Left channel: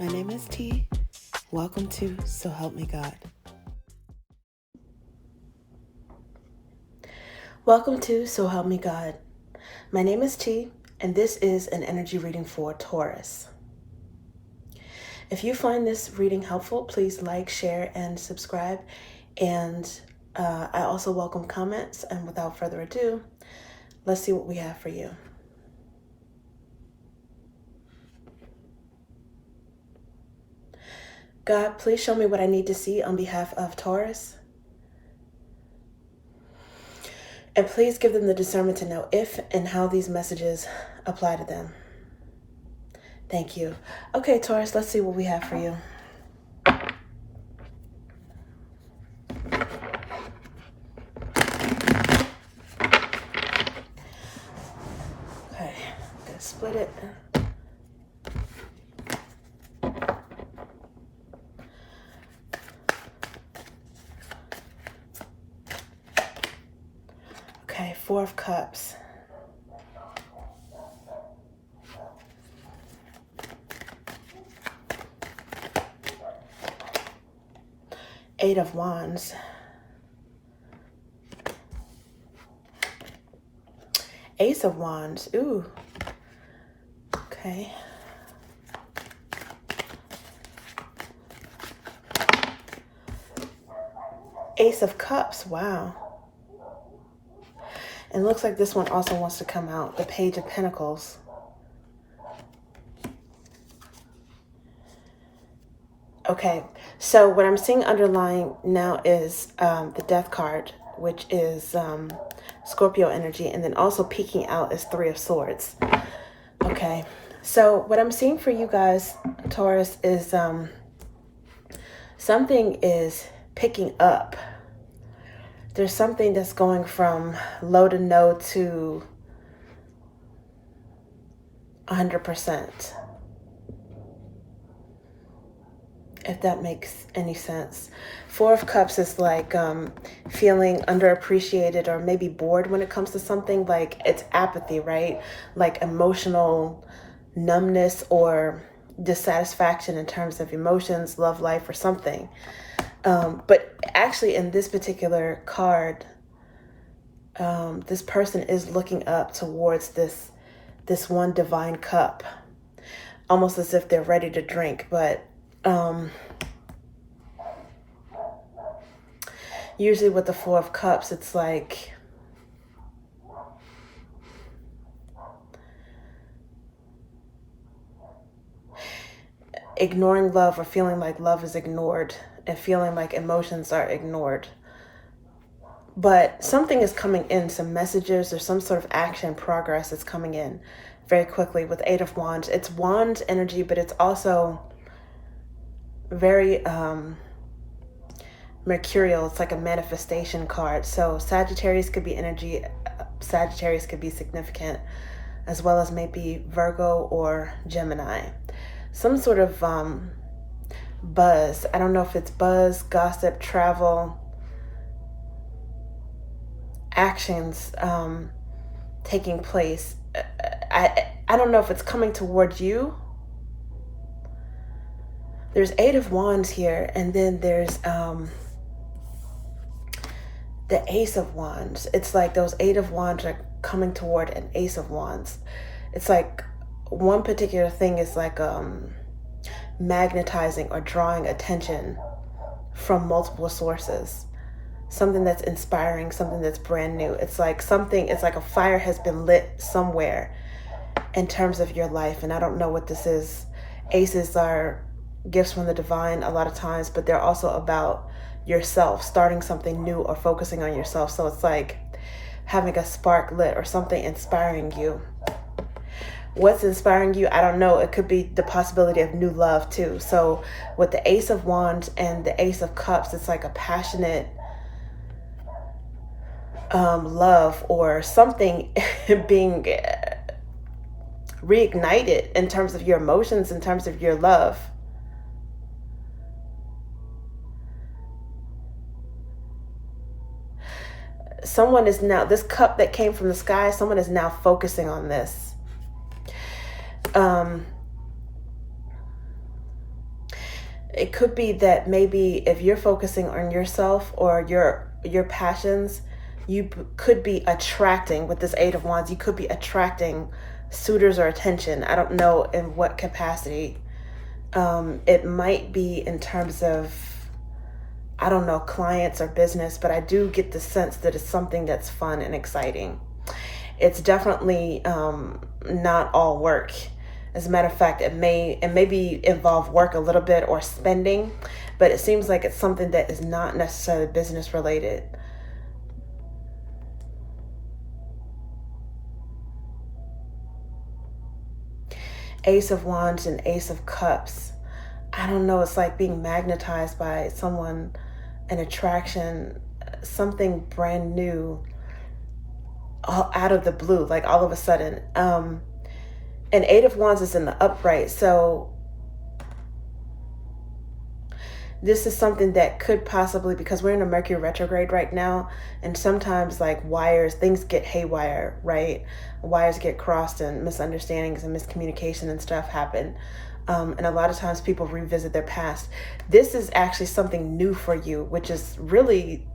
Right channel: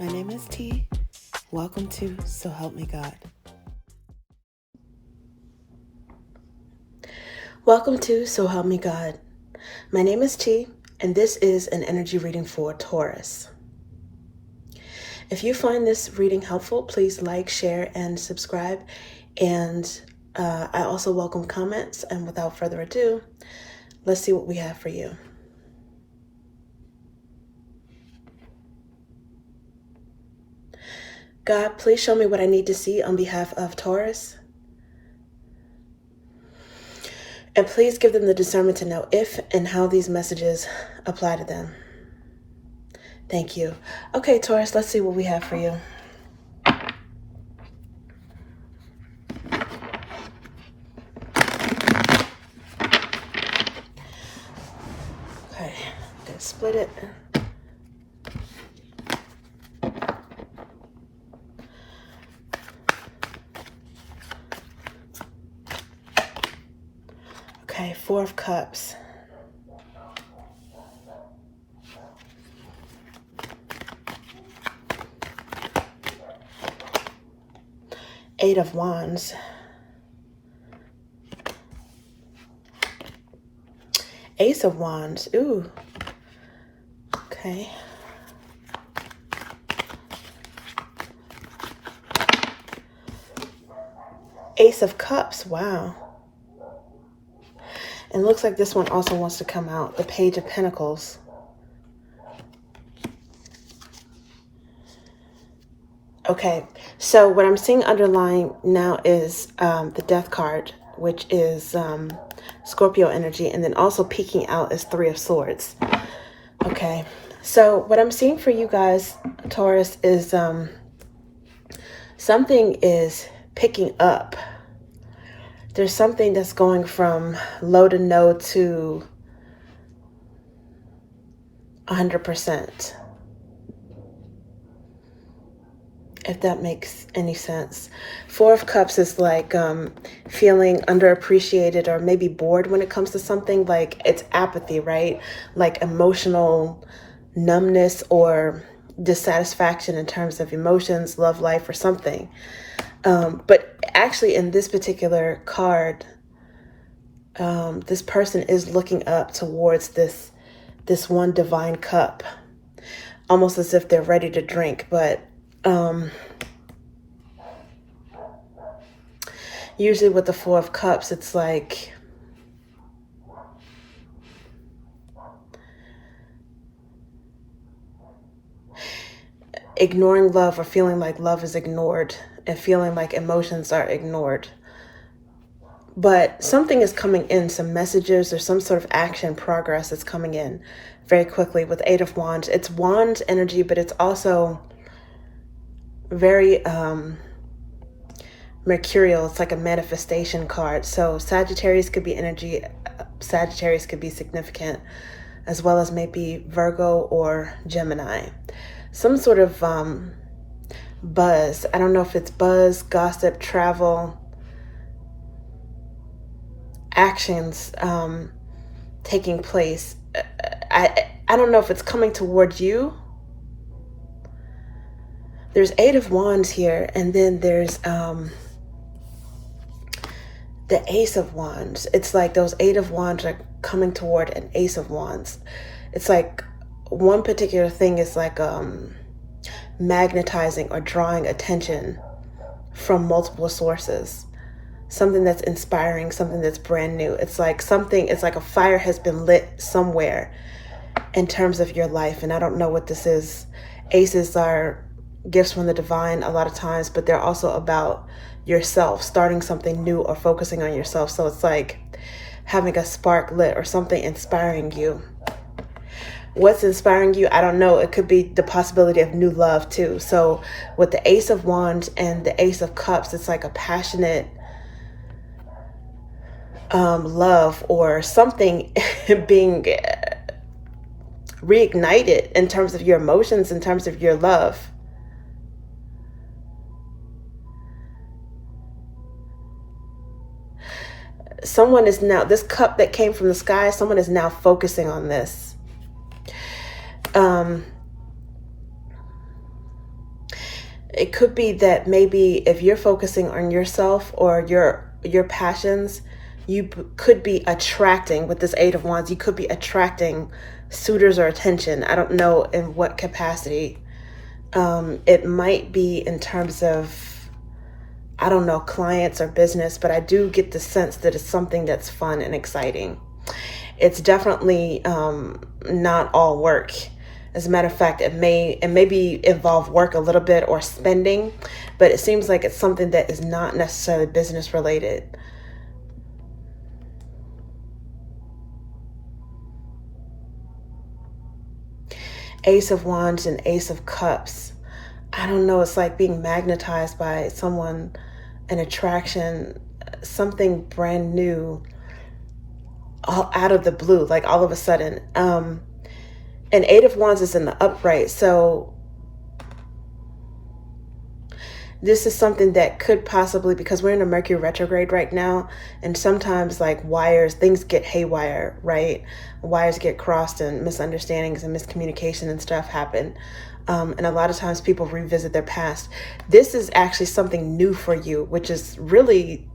My name is T. Welcome to So Help Me God. Welcome to So Help Me God. My name is T, and this is an energy reading for Taurus. If you find this reading helpful, please like, share, and subscribe. And I also welcome comments. And without further ado, let's see what we have for you. God, please show me what I need to see on behalf of Taurus. And please give them the discernment to know if and how these messages apply to them. Thank you. Okay, Taurus, let's see what we have for you. Okay, I'm going to split it. Okay, 4 of Cups. Eight of Wands. Ace of Wands. Ooh. Okay. Ace of Cups. Wow. And it looks like this one also wants to come out. The Page of Pentacles. Okay, so what I'm seeing underlying now is the Death card, which is Scorpio energy, and then also peeking out is 3 of Swords. Okay, so what I'm seeing for you guys, Taurus, is something is picking up. There's something that's going from low to no to 100%. If that makes any sense. 4 of Cups is like feeling underappreciated or maybe bored when it comes to something. Like it's apathy, right? Like emotional numbness or dissatisfaction in terms of emotions, love life, or something. But actually in this particular card, this person is looking up towards this one divine cup, almost as if they're ready to drink. But usually with the 4 of Cups, it's like ignoring love or feeling like love is ignored and feeling like emotions are ignored. But something is coming in, some messages or some sort of action progress is coming in very quickly with 8 of Wands. It's Wands energy, but it's also very mercurial. It's like a manifestation card. So Sagittarius could be energy. Sagittarius could be significant, as well as maybe Virgo or Gemini. Some sort of buzz. I don't know if it's buzz, gossip, travel, actions taking place. I don't know if it's coming towards you. There's 8 of Wands here, and then there's the Ace of Wands. It's like those 8 of Wands are coming toward an Ace of Wands. It's like one particular thing is like magnetizing or drawing attention from multiple sources. Something that's inspiring, something that's brand new. It's like a fire has been lit somewhere in terms of your life, and I don't know what this is. Aces are gifts from the divine a lot of times, but they're also about yourself, starting something new or focusing on yourself. So it's like having a spark lit or something inspiring you. What's inspiring you? I don't know. It could be the possibility of new love too. So with the Ace of Wands and the Ace of Cups, it's like a passionate love or something being reignited in terms of your emotions, in terms of your love. Someone is now, this cup that came from the sky, someone is now focusing on this. It could be that maybe if you're focusing on yourself or your passions, you could be attracting, with this Eight of Wands, you could be attracting suitors or attention. I don't know in what capacity. It might be in terms of, I don't know, clients or business, but I do get the sense that it's something that's fun and exciting. It's definitely not all work. As a matter of fact, it maybe involve work a little bit or spending, but it seems like it's something that is not necessarily business related. Ace of Wands and Ace of Cups. I don't know, it's like being magnetized by someone, an attraction, something brand new, out of the blue, like all of a sudden. And Eight of Wands is in the upright, so this is something that could possibly, because we're in a Mercury retrograde right now, and sometimes like things get haywire, right? Wires get crossed and misunderstandings and miscommunication and stuff happen. And a lot of times people revisit their past. This is actually something new for you, which is really,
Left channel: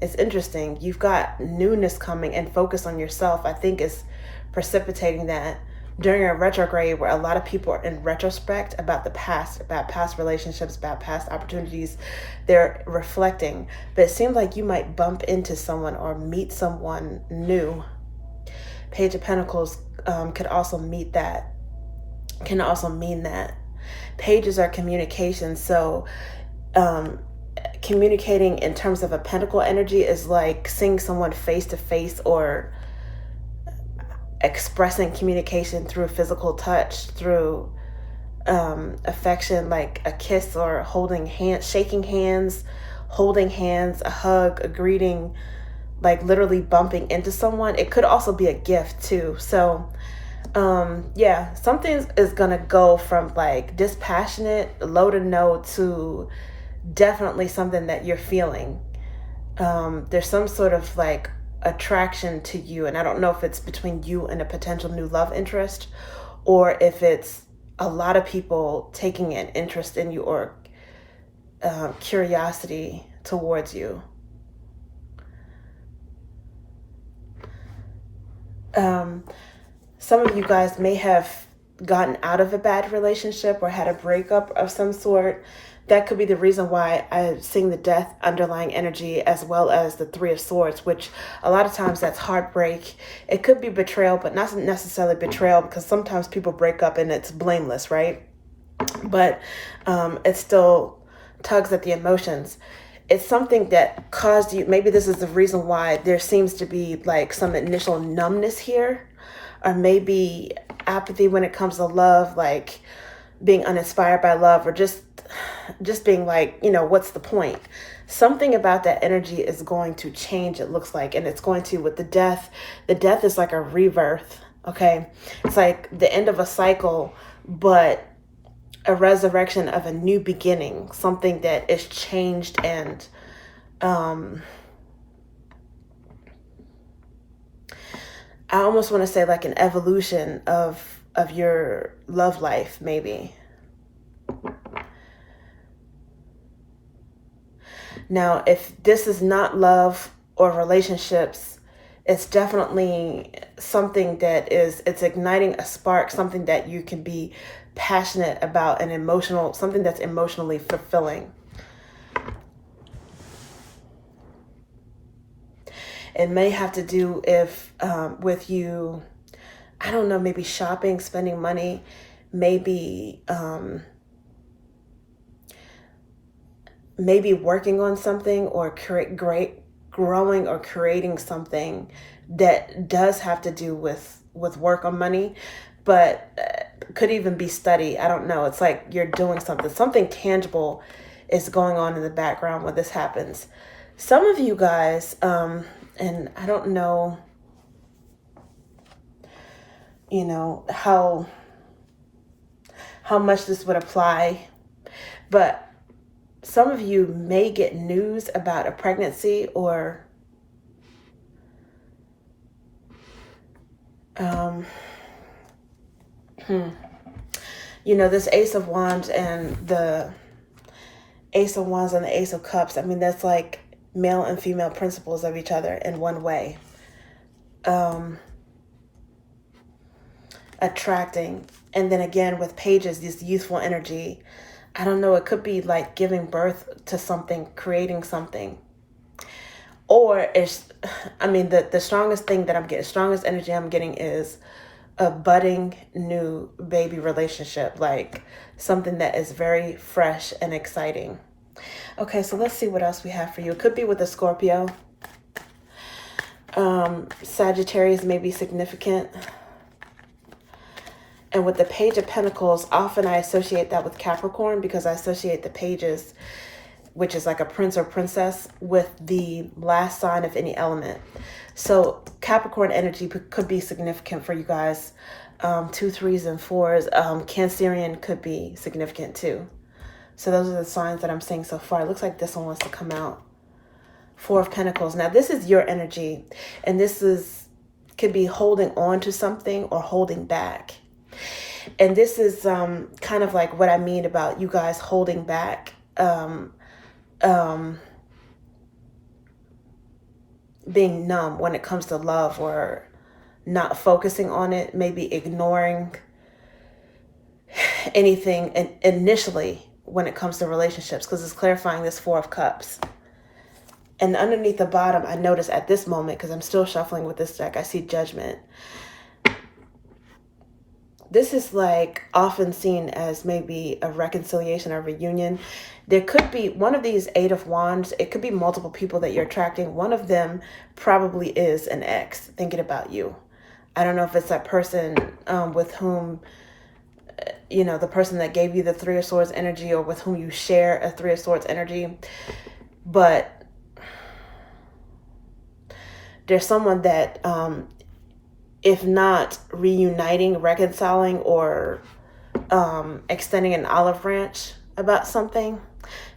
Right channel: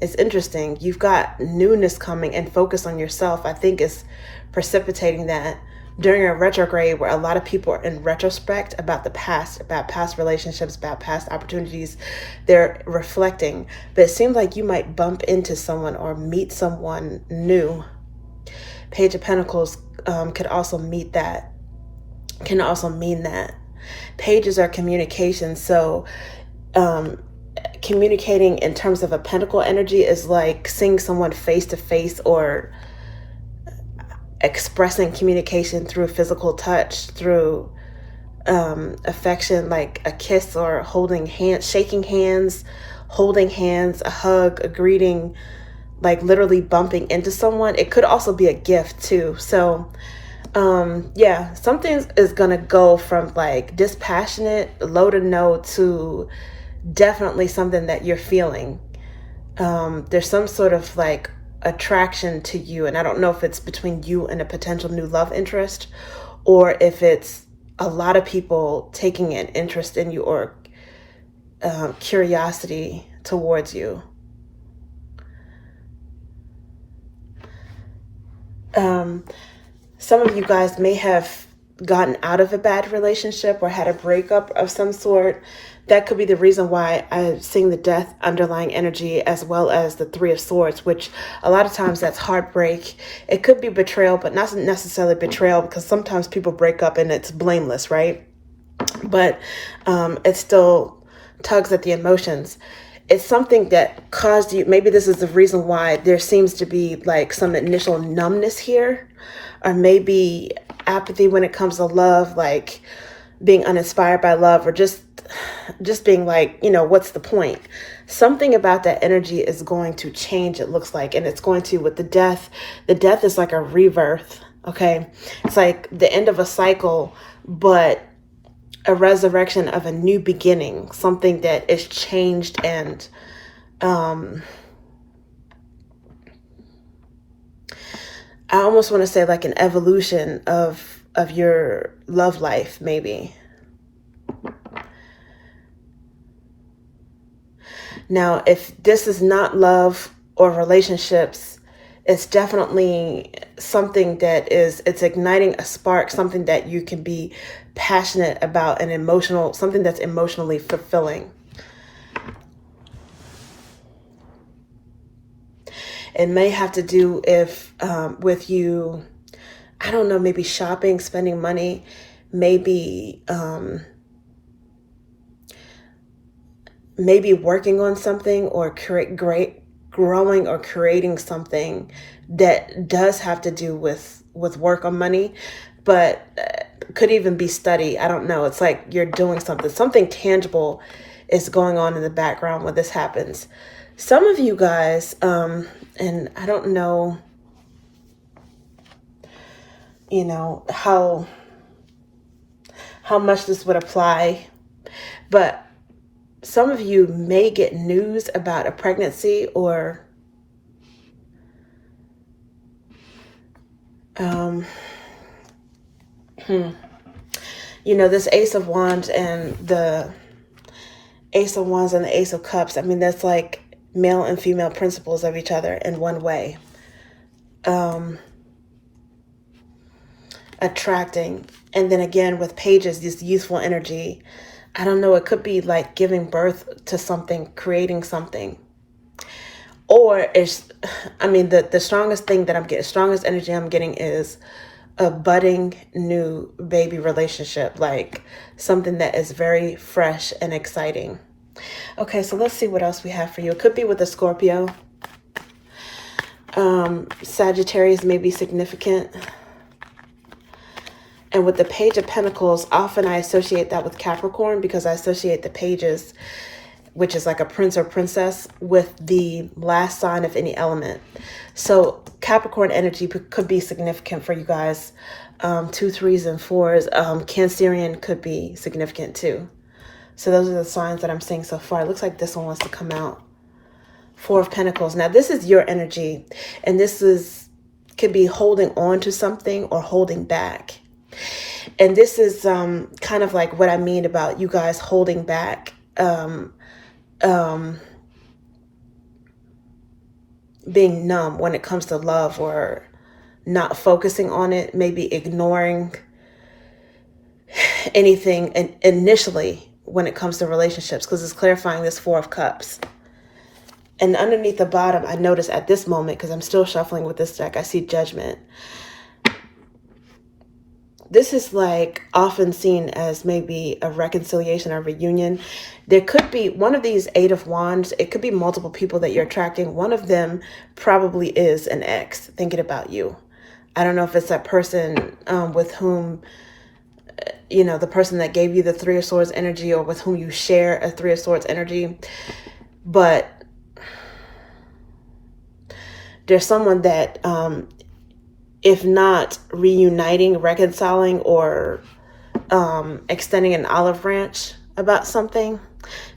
it's interesting. You've got newness coming, and focus on yourself, I think, is precipitating that. During a retrograde where a lot of people are in retrospect about the past, about past relationships, about past opportunities, they're reflecting. But it seems like you might bump into someone or meet someone new. Page of Pentacles could also mean that. Pages are communication, so communicating in terms of a pentacle energy is like seeing someone face to face, or expressing communication through physical touch, through affection, like a kiss or holding hands, shaking hands, holding hands, a hug, a greeting, like literally bumping into someone. It could also be a gift too. So yeah, something is gonna go from like dispassionate, low to no, to definitely something that you're feeling. There's some sort of like attraction to you, and I don't know if it's between you and a potential new love interest, or if it's a lot of people taking an interest in you, or curiosity towards you. Some of you guys may have gotten out of a bad relationship or had a breakup of some sort. That could be the reason why I'm seeing the death underlying energy, as well as the Three of Swords, which a lot of times that's heartbreak. It could be betrayal, but not necessarily betrayal, because sometimes people break up and it's blameless, right? But it still tugs at the emotions. It's something that caused you, maybe this is the reason why there seems to be like some initial numbness here, or maybe apathy when it comes to love, like being uninspired by love, or just being like, what's the point? Something about that energy is going to change, it looks like, and it's going to, with the death is like a rebirth, okay? It's like the end of a cycle, but a resurrection of a new beginning, something that is changed, and I almost want to say like an evolution of your love life, maybe. Now, if this is not love or relationships, it's definitely something that it's igniting a spark, something that you can be passionate about, and emotional, something that's emotionally fulfilling. It may have to do with you, I don't know, maybe shopping, spending money, maybe working on something, or growing or creating something that does have to do with work or money, but could even be study. I don't know. It's like you're doing something tangible is going on in the background when this happens. Some of you guys, and I don't know, how much this would apply, but some of you may get news about a pregnancy, or this Ace of Wands and the Ace of Wands and the Ace of Cups. I mean, that's like male and female principles of each other in one way. Attracting. And then again, with pages, this youthful energy. I don't know, it could be like giving birth to something, creating something. Or it's, I mean, the strongest thing that I'm getting, strongest energy I'm getting is a budding new baby relationship, like something that is very fresh and exciting. Okay, so let's see what else we have for you. It could be with a Scorpio. Sagittarius may be significant. And with the Page of Pentacles, often I associate that with Capricorn because I associate the pages, which is like a prince or princess, with the last sign of any element. So Capricorn energy could be significant for you guys. 2, 3s, and 4s. Cancerian could be significant too. So those are the signs that I'm seeing so far. It looks like this one wants to come out. 4 of Pentacles. Now this is your energy, and this could be holding on to something or holding back. And this is kind of like what I mean about you guys holding back. Being numb when it comes to love, or not focusing on it, maybe ignoring anything initially when it comes to relationships, because it's clarifying this 4 of Cups. And underneath the bottom, I notice at this moment, because I'm still shuffling with this deck, I see Judgment. This is like often seen as maybe a reconciliation or reunion. There could be one of these 8 of Wands. It could be multiple people that you're attracting. One of them probably is an ex thinking about you. I don't know if it's that person with whom, you know, the person that gave you the 3 of Swords energy, or with whom you share a 3 of Swords energy. But there's someone that, if not reuniting, reconciling, or extending an olive branch about something,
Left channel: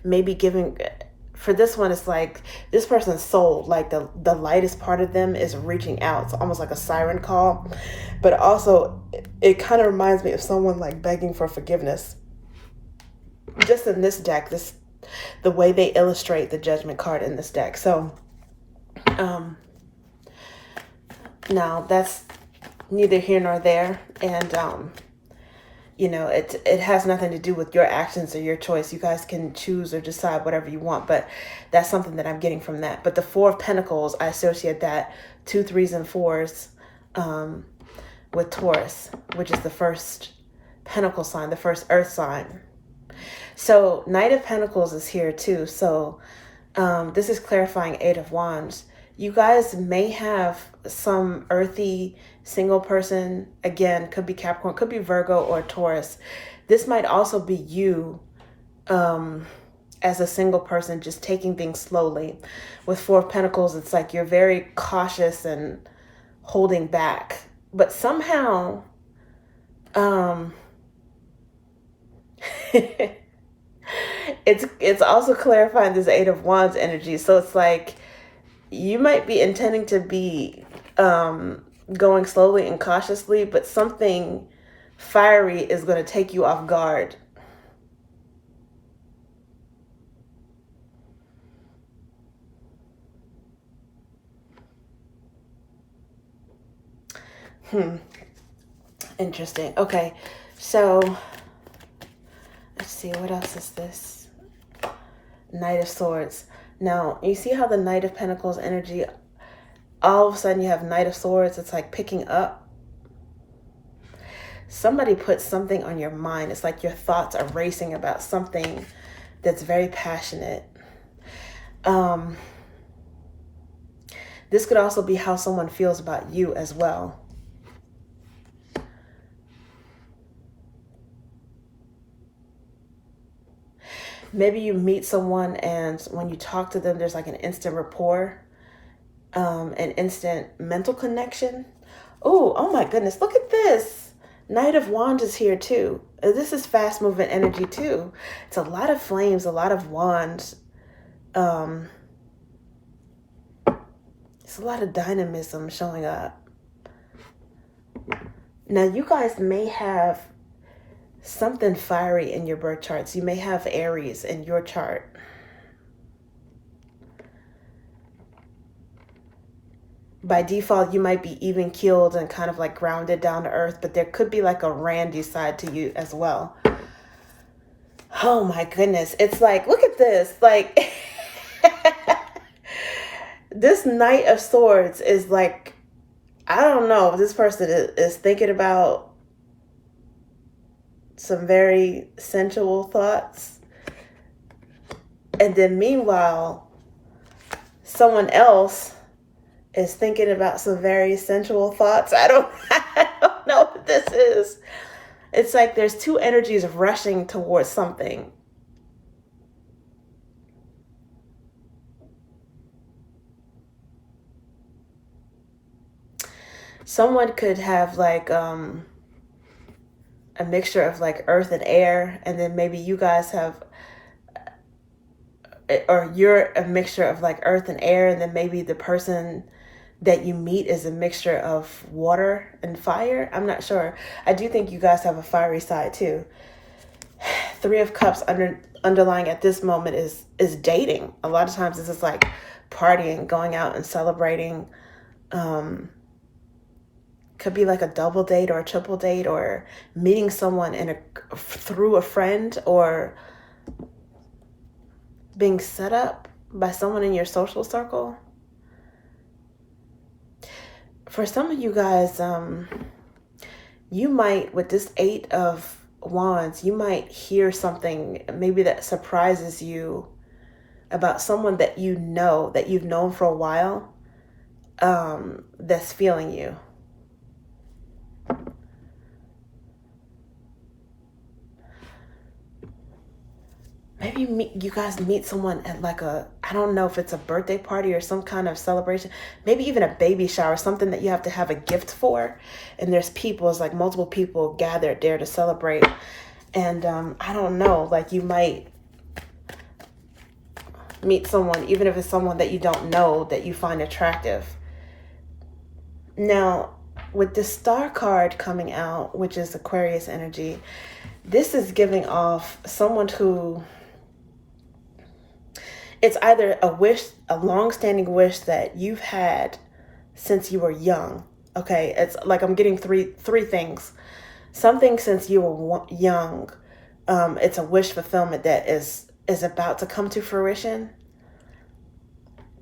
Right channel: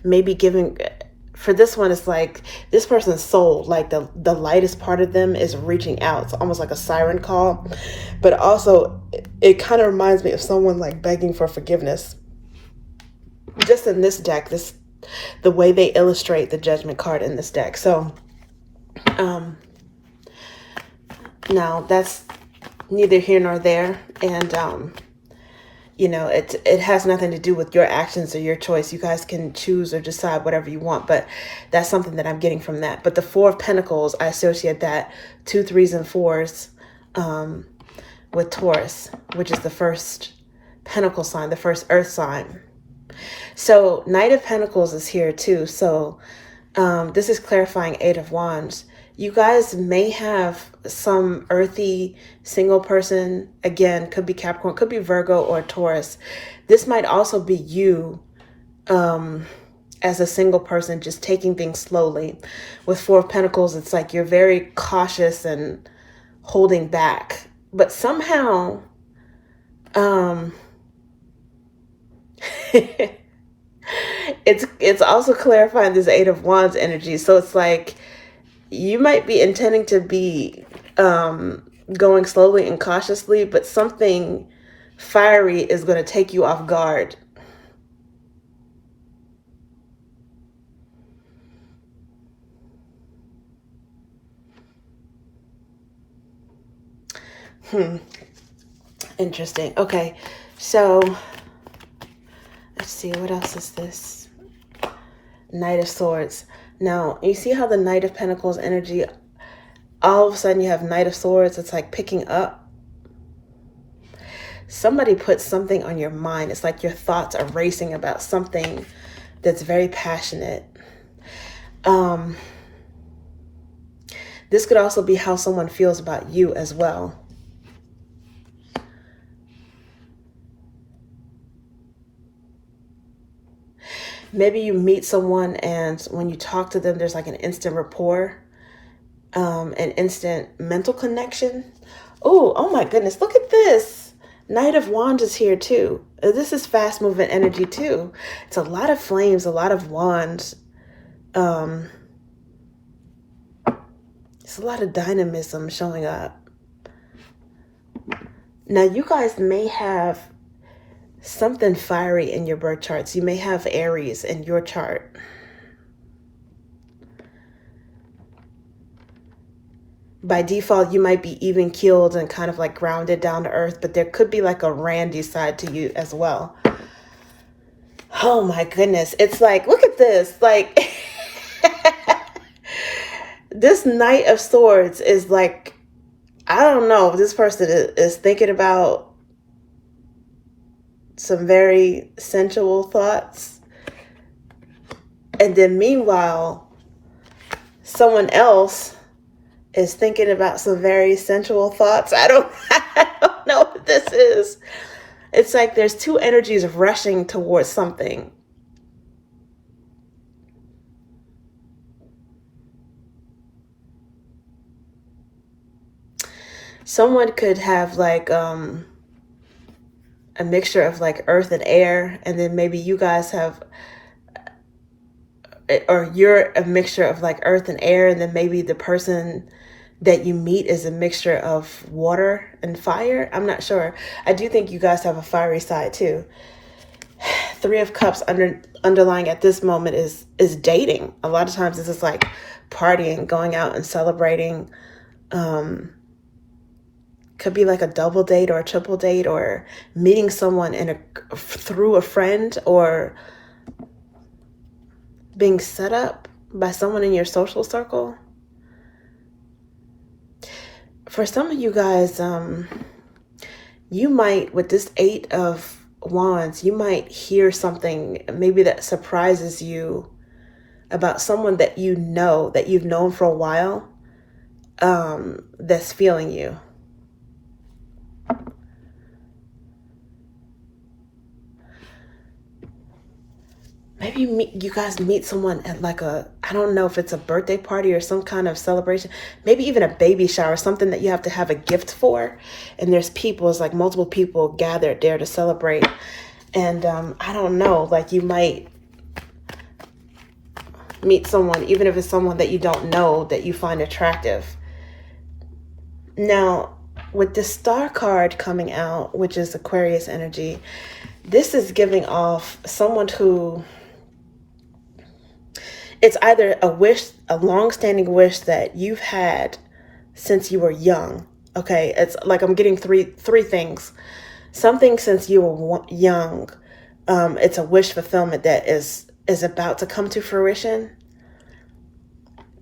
maybe giving, for this one, it's like this person's soul, like the lightest part of them is reaching out. It's almost like a siren call, but also it kind of reminds me of someone like begging for forgiveness. Just in this deck, the way they illustrate the Judgment card in this deck. So now that's neither here nor there, and you know, it has nothing to do with your actions or your choice. You guys can choose or decide whatever you want, but that's something that I'm getting from that. But the 4 of Pentacles, I associate that 2, 3s, and 4s with Taurus, which is the first Pentacle sign, the first Earth sign. So Knight of Pentacles is here too. So this is clarifying 8 of Wands. You guys may have some earthy single person. Again, could be Capricorn, could be Virgo or Taurus. This might also be you as a single person, just taking things slowly. With 4 of Pentacles, it's like you're very cautious and holding back. But somehow, it's also clarifying this 8 of Wands energy. So it's like you might be intending to be going slowly and cautiously, but something fiery is going to take you off guard. Interesting. Okay, so let's see, what else is this? Knight of Swords. Now, you see how the Knight of Pentacles energy, all of a sudden you have Knight of Swords. It's like picking up. Somebody put something on your mind. It's like your thoughts are racing about something that's very passionate. This could also be how someone feels about you as well. Maybe you meet someone and when you talk to them, there's like an instant rapport, an instant mental connection. Oh my goodness, look at this. Knight of Wands is here too. This is fast moving energy too. It's a lot of flames, a lot of wands. It's a lot of dynamism showing up. Now you guys may have something fiery in your birth charts. You may have Aries in your chart. By default, you might be even keeled and kind of like grounded down to earth, but there could be like a randy side to you as well. Oh my goodness. It's like, look at this. Like, this Knight of Swords is like, I don't know if this person is thinking about some very sensual thoughts. And then meanwhile, someone else is thinking about some very sensual thoughts. I don't know what this is. It's like there's two energies rushing towards something. Someone could have like a mixture of like earth and air, and then maybe you guys have, or you're a mixture of like earth and air, and then maybe the person that you meet is a mixture of water and fire. I'm not sure. I do think you guys have a fiery side too. Three of Cups underlying at this moment is dating. A lot of times this is like partying, going out and celebrating. Could be like a double date or a triple date, or meeting someone through a friend, or being set up by someone in your social circle. For some of you guys, you might, with this Eight of Wands, you might hear something maybe that surprises you about someone that you know, that you've known for a while, that's feeling you. Maybe you guys meet someone at like I don't know if it's a birthday party or some kind of celebration, maybe even a baby shower, something that you have to have a gift for. And there's people, it's like multiple people gathered there to celebrate. And I don't know, like you might meet someone, even if it's someone that you don't know, that you find attractive. Now, with the Star card coming out, which is Aquarius energy, this is giving off someone who, it's either a wish, a long-standing wish that you've had since you were young. Okay, it's like I'm getting three things. Something since you were young. It's a wish fulfillment that is about to come to fruition.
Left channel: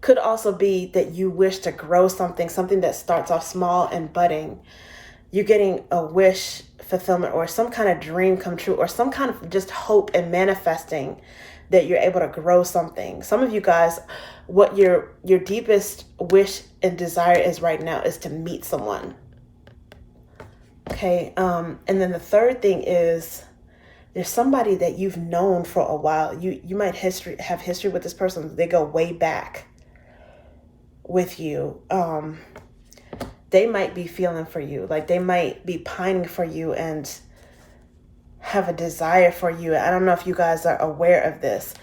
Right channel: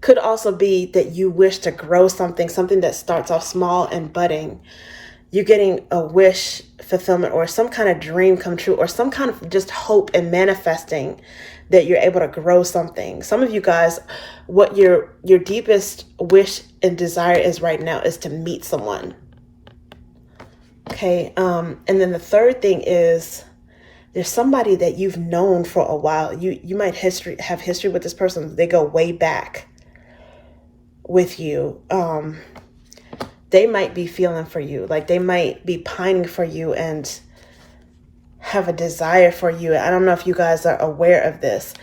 Could also be that you wish to grow something that starts off small and budding. You're getting a wish fulfillment or some kind of dream come true, or some kind of just hope and manifesting that you're able to grow something. Some of you guys, what your deepest wish and desire is right now is to meet someone. Okay, and then the third thing is there's somebody that you've known for a while. You might have history with this person. They go way back with you. They might be feeling for you, like they might be pining for you and have a desire for you. I don't know if you guys are aware of this.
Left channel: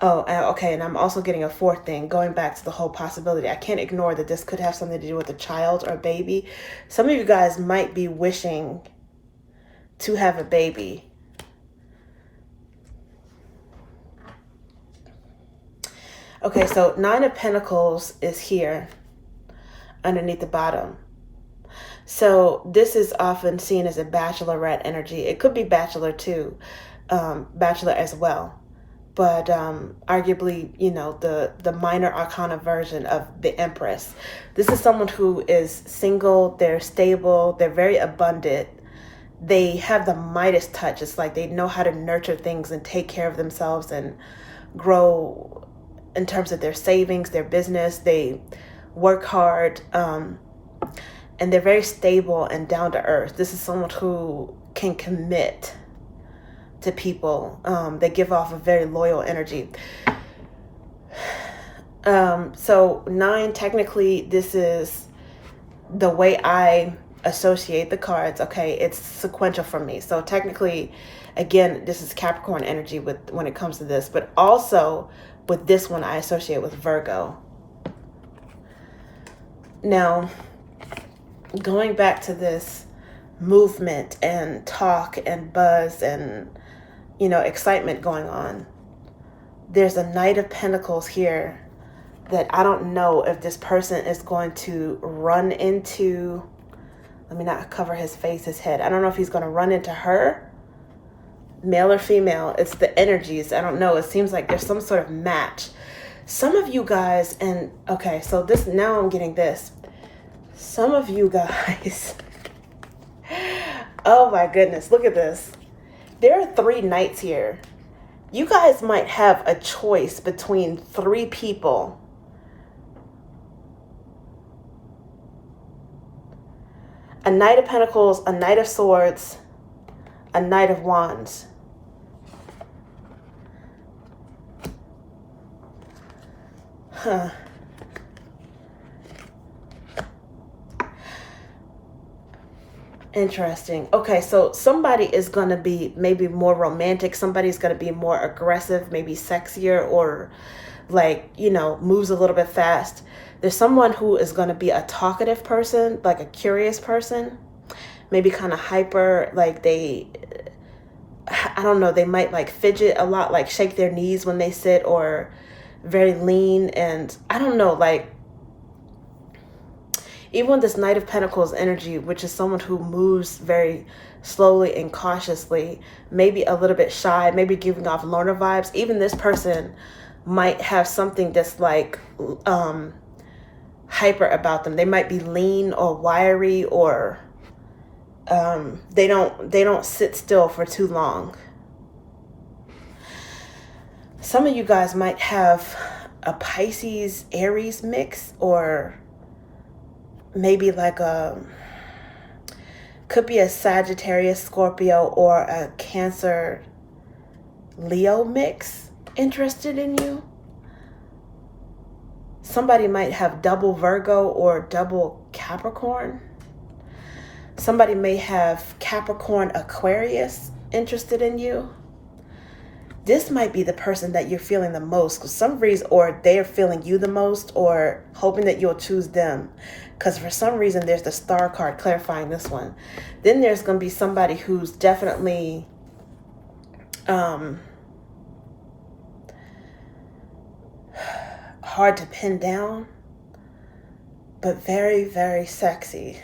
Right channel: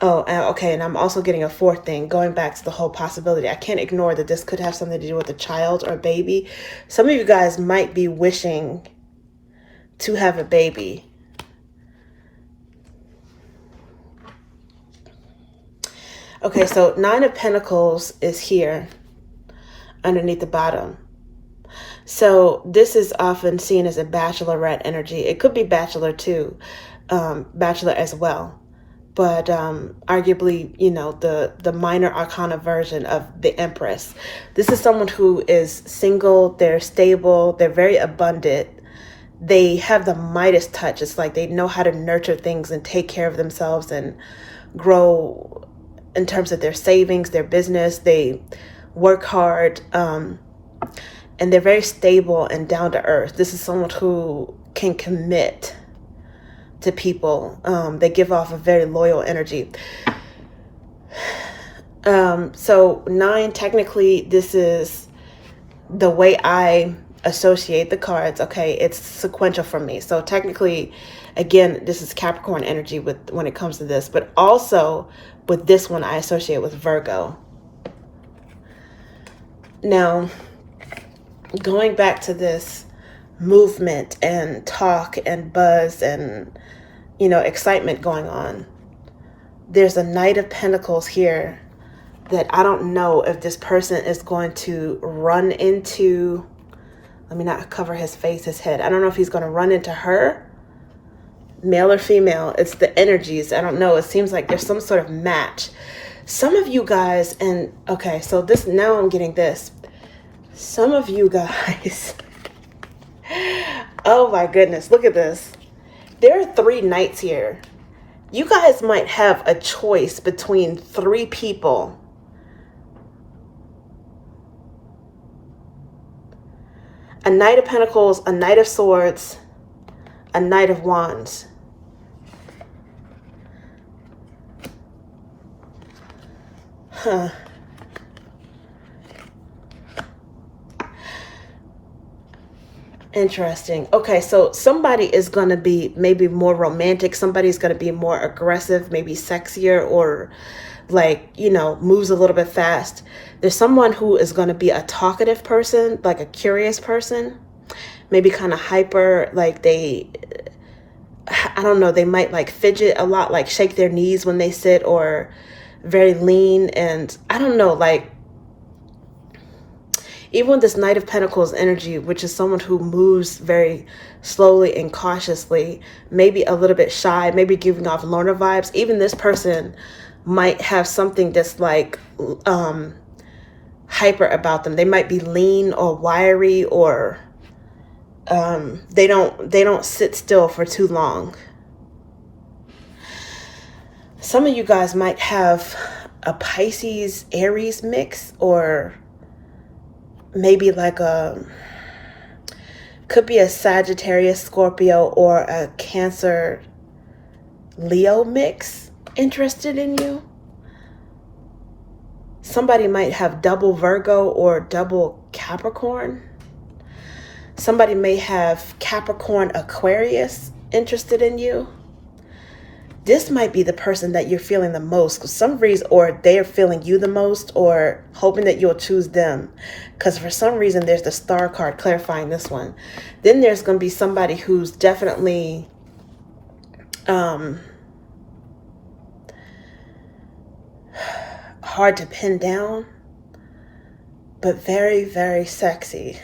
Oh, okay. And I'm also getting a fourth thing, going back to the whole possibility. I can't ignore that this could have something to do with a child or a baby. Some of you guys might be wishing to have a baby. Okay, so Nine of Pentacles is here underneath the bottom. So this is often seen as a bachelorette energy. It could be bachelor too, bachelor as well. But arguably, you know, the minor arcana version of the Empress. This is someone who is single, they're stable, they're very abundant. They have the Midas touch. It's like they know how to nurture things and take care of themselves and grow in terms of their savings, their business. They work hard. And they're very stable and down to earth. This is someone who can commit to people. They give off a very loyal energy. So 9, technically, this is the way I associate the cards. Okay, it's sequential for me. So technically, again, this is Capricorn energy when it comes to this. But also, with this one, I associate with Virgo. Now, going back to this movement and talk and buzz and, excitement going on. There's a Knight of Pentacles here that I don't know if this person is going to run into. Let me not cover his face, his head. I don't know if he's going to run into her, male or female. It's the energies. I don't know. It seems like there's some sort of match. Some of you guys, and okay, so this, now I'm getting this. Some of you guys, oh my goodness, look at this. There are 3 knights here. You guys might have a choice between 3 people. A Knight of Pentacles, a Knight of Swords, a Knight of Wands. Huh. Interesting. Okay, so somebody is going to be maybe more romantic. Somebody's going to be more aggressive, maybe sexier, or like, moves a little bit fast. There's someone who is going to be a talkative person, like a curious person, maybe kind of hyper, like I don't know, they might like fidget a lot, like shake their knees when they sit, or very lean. And I don't know, like, even with this Knight of Pentacles energy, which is someone who moves very slowly and cautiously, maybe a little bit shy, maybe giving off loner vibes, even this person might have something that's like hyper about them. They might be lean or wiry, or they don't sit still for too long. Some of you guys might have a Pisces Aries mix, or maybe like could be a Sagittarius Scorpio or a Cancer Leo mix interested in you. Somebody might have double Virgo or double Capricorn. Somebody may have Capricorn Aquarius interested in you. This might be the person that you're feeling the most, for some reason, or they're feeling you the most, or hoping that you'll choose them. Because for some reason, there's the star card clarifying this one. Then there's going to be somebody who's definitely hard to pin down, but very, very sexy.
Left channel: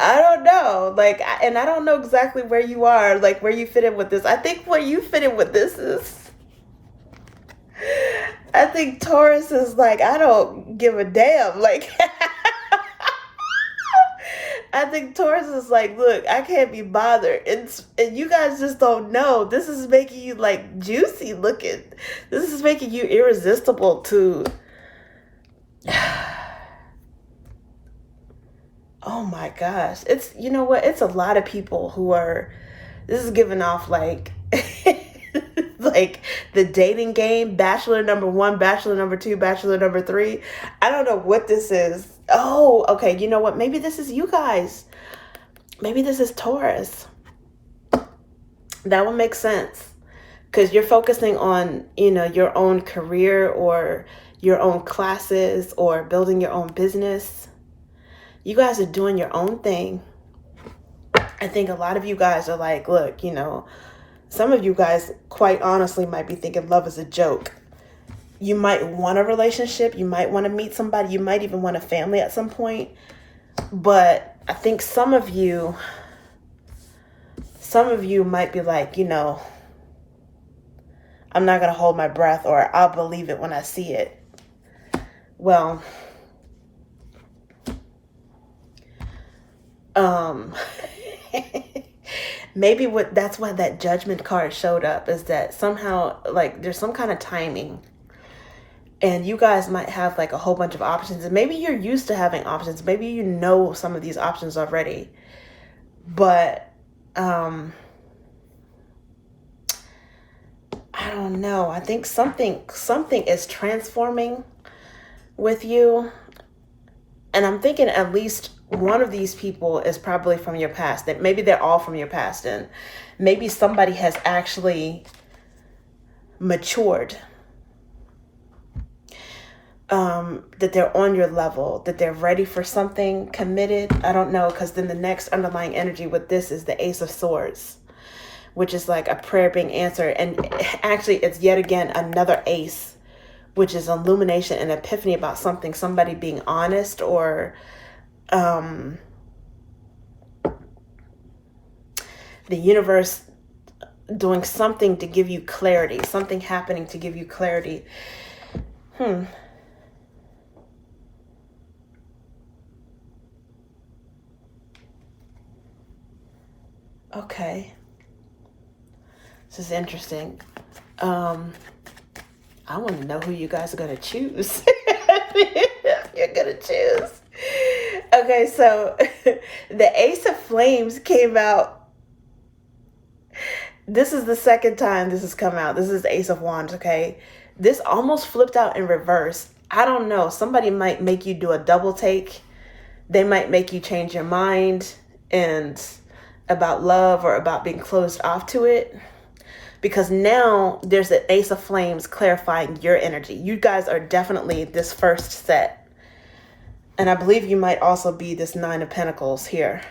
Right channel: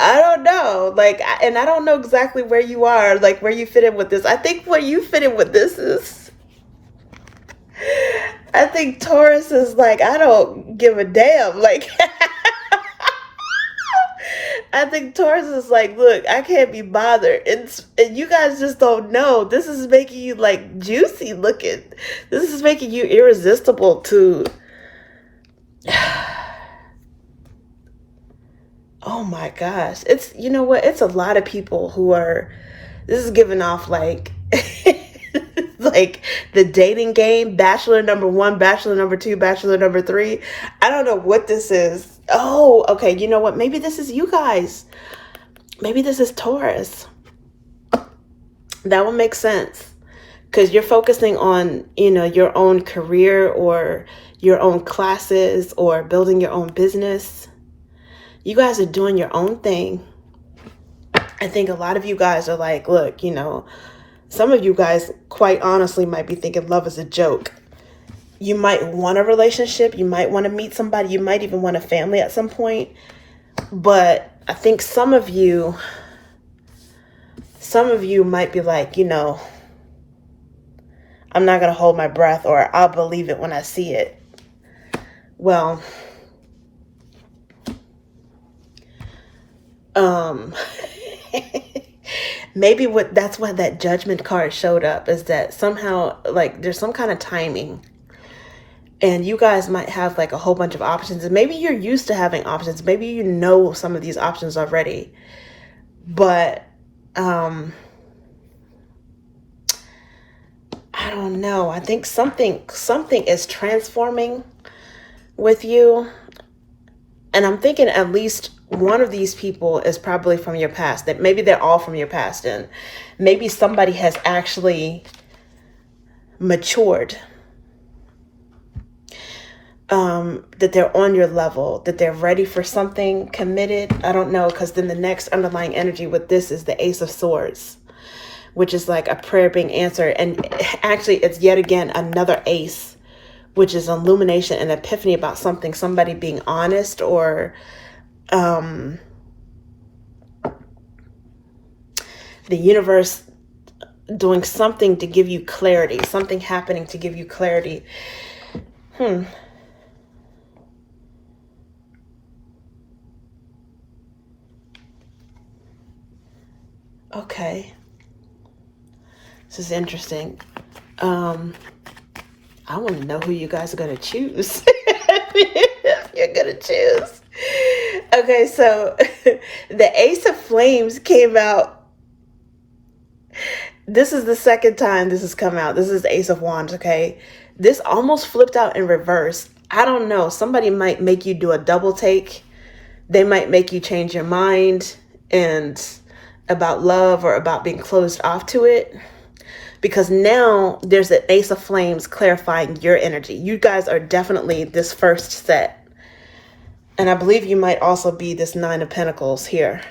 I don't know, like, and I don't know exactly where you are, like where you fit in with this. I think where you fit in with this is, I think Taurus is like, I don't give a damn. Like, I think Taurus is like, look, I can't be bothered. And you guys just don't know. This is making you like juicy looking. This is making you irresistible to, oh my gosh. It's, you know what? It's a lot of people who are, this is giving off like, like the dating game, bachelor number 1, bachelor number 2, bachelor number 3. I don't know what this is. Oh, okay. You know what? Maybe this is you guys. Maybe this is Taurus. That would make sense. Because you're focusing on, your own career or your own classes or building your own business. You guys are doing your own thing. I think a lot of you guys are like, look, some of you guys quite honestly might be thinking love is a joke. You might want a relationship. You might want to meet somebody. You might even want a family at some point. But I think some of you might be like, I'm not going to hold my breath, or I'll believe it when I see it. Well, maybe that's why that Judgment card showed up, is that somehow like there's some kind of timing, and you guys might have like a whole bunch of options, and maybe you're used to having options. Maybe some of these options already, but I don't know. I think something is transforming with you, and I'm thinking at least one of these people is probably from your past. That maybe they're all from your past, and maybe somebody has actually matured. that they're on your level, that they're ready for something committed. I don't know, because then the next underlying energy with this is the Ace of Swords, which is like a prayer being answered. And actually, it's yet again another ace, which is illumination and epiphany about something, somebody being honest, or the universe doing something to give you clarity, something happening to give you clarity. Okay. This is interesting. I want to know who you guys are going to choose. You're going to choose. Okay, so the Ace of Flames came out. This is the second time this has come out. This is the Ace of Wands, okay? This almost flipped out in reverse. I don't know. Somebody might make you do a double take. They might make you change your mind and about love or about being closed off to it. Because now there's an Ace of Flames clarifying your energy. You guys are definitely this first set. And I believe you might also be this Nine of Pentacles here.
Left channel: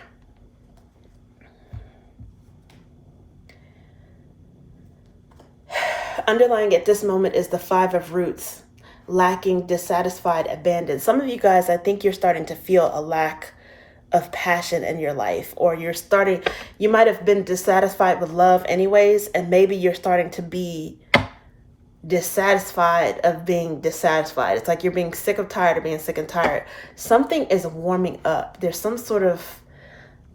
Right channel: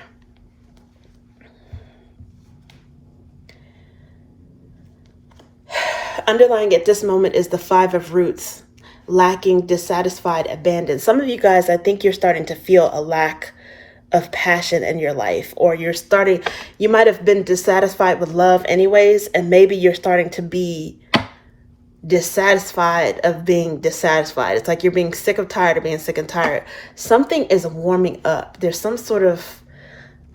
Underlying at this moment is the Five of Roots. Lacking, dissatisfied, abandoned. Some of you guys, I think you're starting to feel a lack of passion in your life, or you might have been dissatisfied with love anyways, and maybe you're starting to be dissatisfied of being dissatisfied. It's like you're being sick of tired of being sick and tired. Something is warming up. There's some sort of,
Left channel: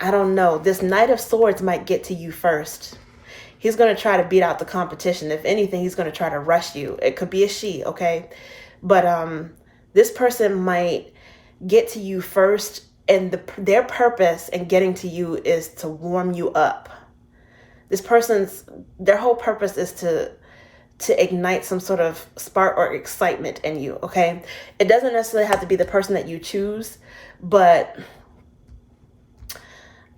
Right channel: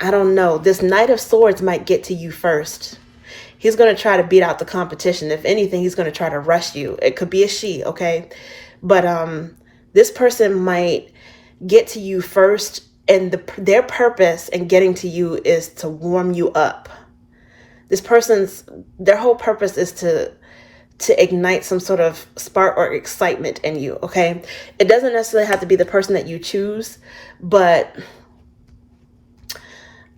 I don't know, this Knight of Swords might get to you first. He's going to try to beat out the competition. If anything, he's going to try to rush you. It could be a she, okay? But this person might get to you first, and their purpose in getting to you is to warm you up. Their whole purpose is to ignite some sort of spark or excitement in you, okay? It doesn't necessarily have to be the person that you choose, but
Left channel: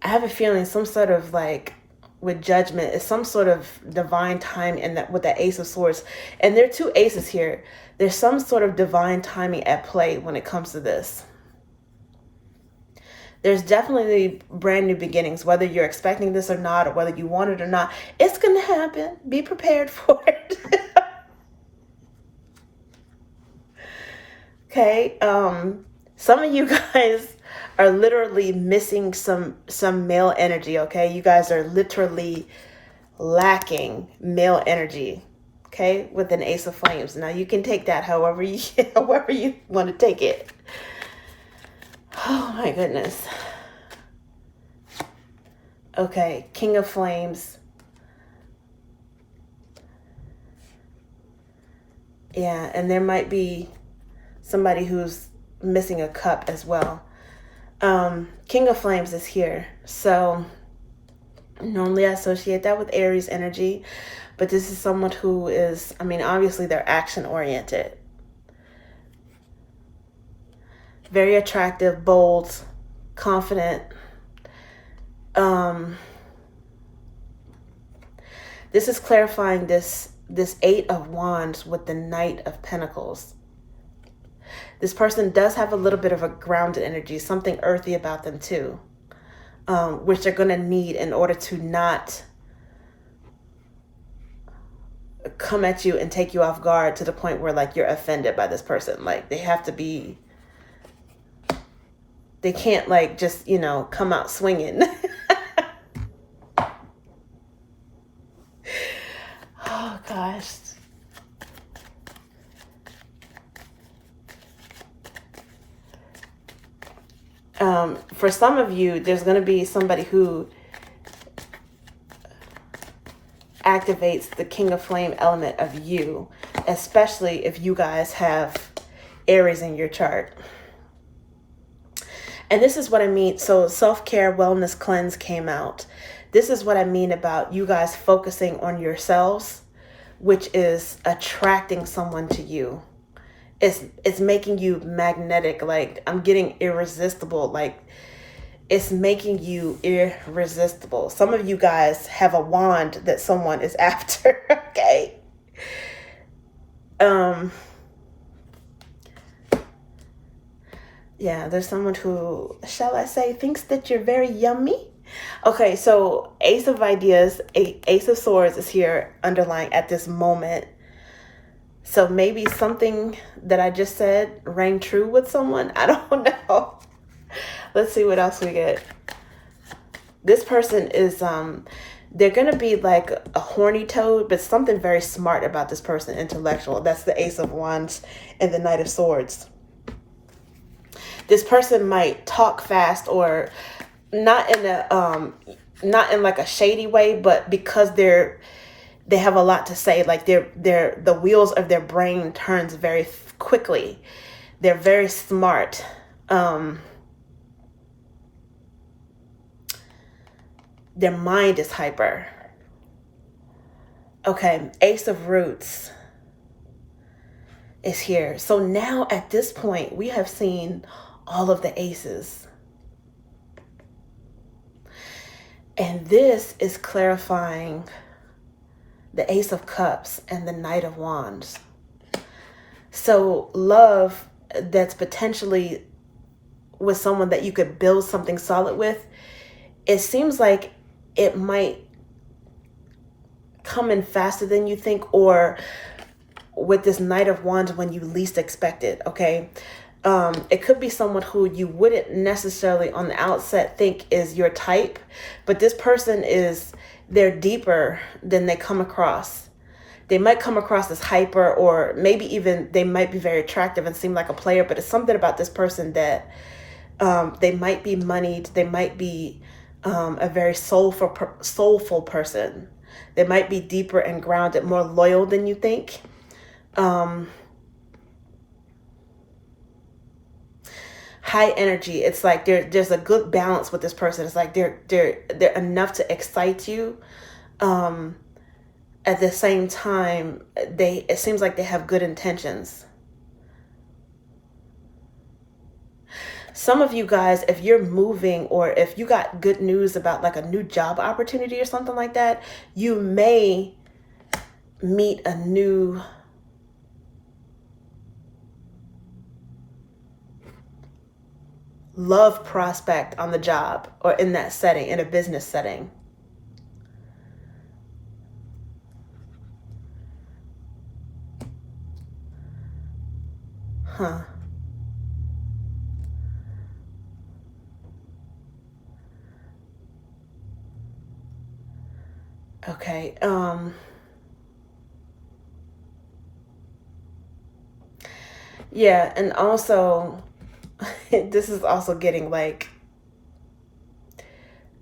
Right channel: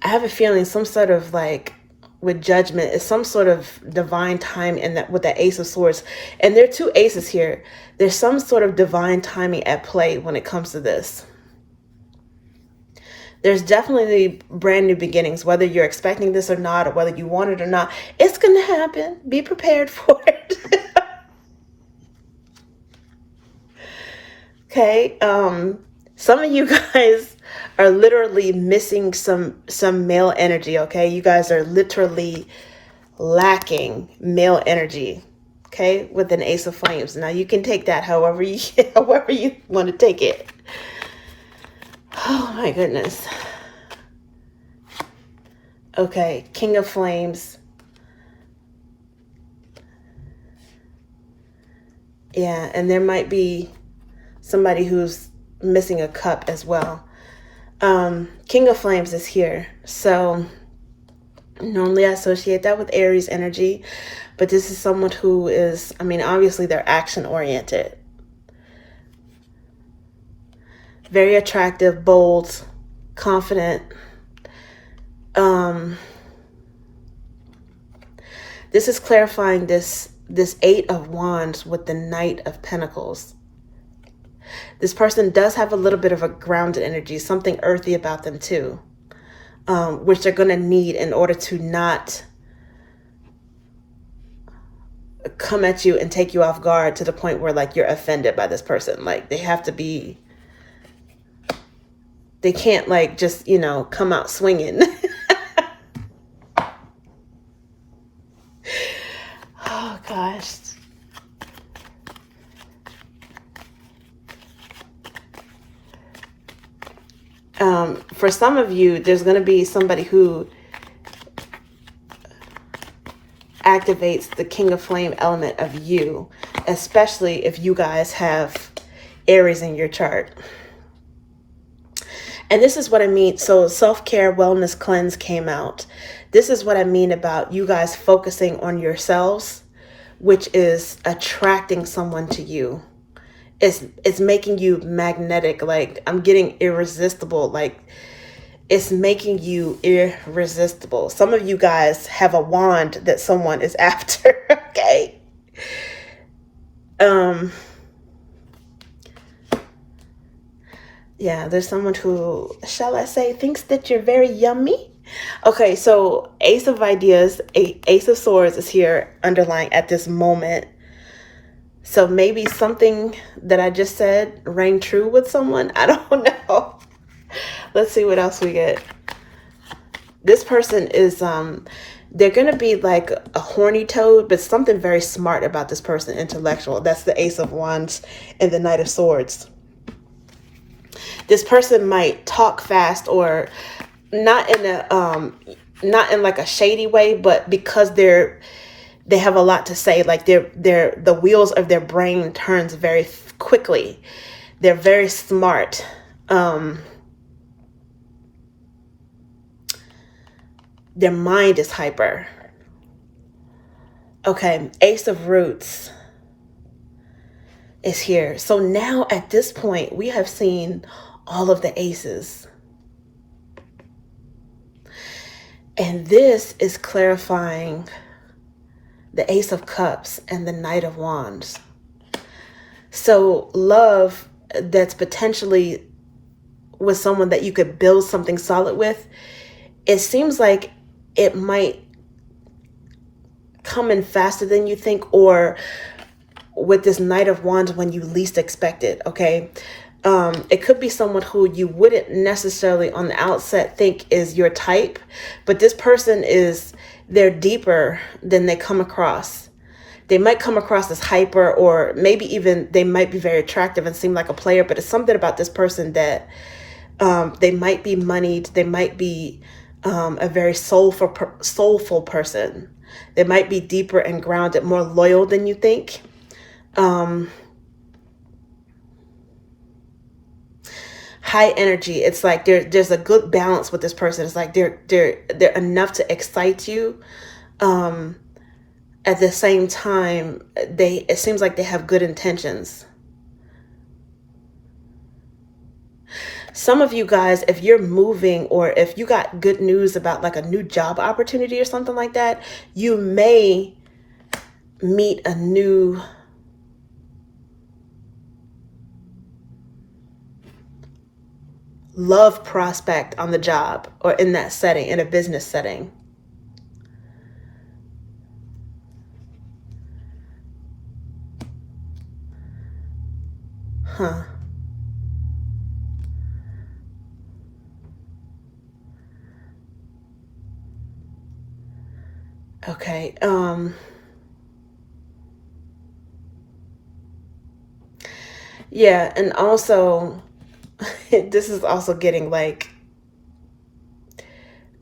I have a feeling some sort of like, with judgment, is some sort of divine timing, and that with the Ace of Swords, and there are two aces here. There's some sort of divine timing at play when it comes to this. There's definitely brand new beginnings, whether you're expecting this or not, or whether you want it or not. It's going to happen. Be prepared for it. Okay. Some of you guys are literally missing some male energy. Okay. You guys are literally lacking male energy. Okay. With an Ace of Flames. Now you can take that however you want to take it. Oh my goodness. Okay, King of Flames. Yeah, and there might be somebody who's missing a cup as well. King of Flames is here. So normally I associate that with Aries energy, but this is someone who is, obviously they're action oriented. Very attractive, bold, confident. This is clarifying this Eight of Wands with the Knight of Pentacles. This person does have a little bit of a grounded energy, something earthy about them too, which they're going to need in order to not come at you and take you off guard to the point where like you're offended by this person. Like they have to be, they can't like just, come out swinging. Oh gosh. For some of you, there's going to be somebody who activates the King of Flame element of you, especially if you guys have Aries in your chart. And this is what I mean. So self-care, wellness, cleanse came out. This is what I mean about you guys focusing on yourselves, which is attracting someone to you. It's making you magnetic. Like I'm getting irresistible. Like it's making you irresistible. Some of you guys have a wand that someone is after. Okay. Yeah, there's someone who, shall I say, thinks that you're very yummy. Okay, so Ace of Ideas, Ace of Swords is here underlying at this moment. So maybe something that I just said rang true with someone. I don't know. Let's see what else we get. This person is, they're going to be like a horny toad, but something very smart about this person, intellectual. That's the Ace of Wands and the Knight of Swords. This person might talk fast, or not in like a shady way, but because they have a lot to say, like the wheels of their brain turns very quickly. They're very smart. Their mind is hyper. Okay, Ace of Roots is here. So now at this point, we have seen all of the aces. And this is clarifying the Ace of Cups and the Knight of Wands. So love that's potentially with someone that you could build something solid with, it seems like it might come in faster than you think, or with this Knight of Wands when you least expect it, okay? It could be someone who you wouldn't necessarily on the outset think is your type, but this person they're deeper than they come across. They might come across as hyper, or maybe even they might be very attractive and seem like a player, but it's something about this person that they might be moneyed. They might be a very soulful person. They might be deeper and grounded, more loyal than you think. High energy. It's like there's a good balance with this person. It's like they're enough to excite you. At the same time, it seems like they have good intentions. Some of you guys, if you're moving, or if you got good news about like a new job opportunity or something like that, you may meet a new love prospect on the job, or in that setting, in a business setting. Huh. Okay. Yeah, and also this is also getting like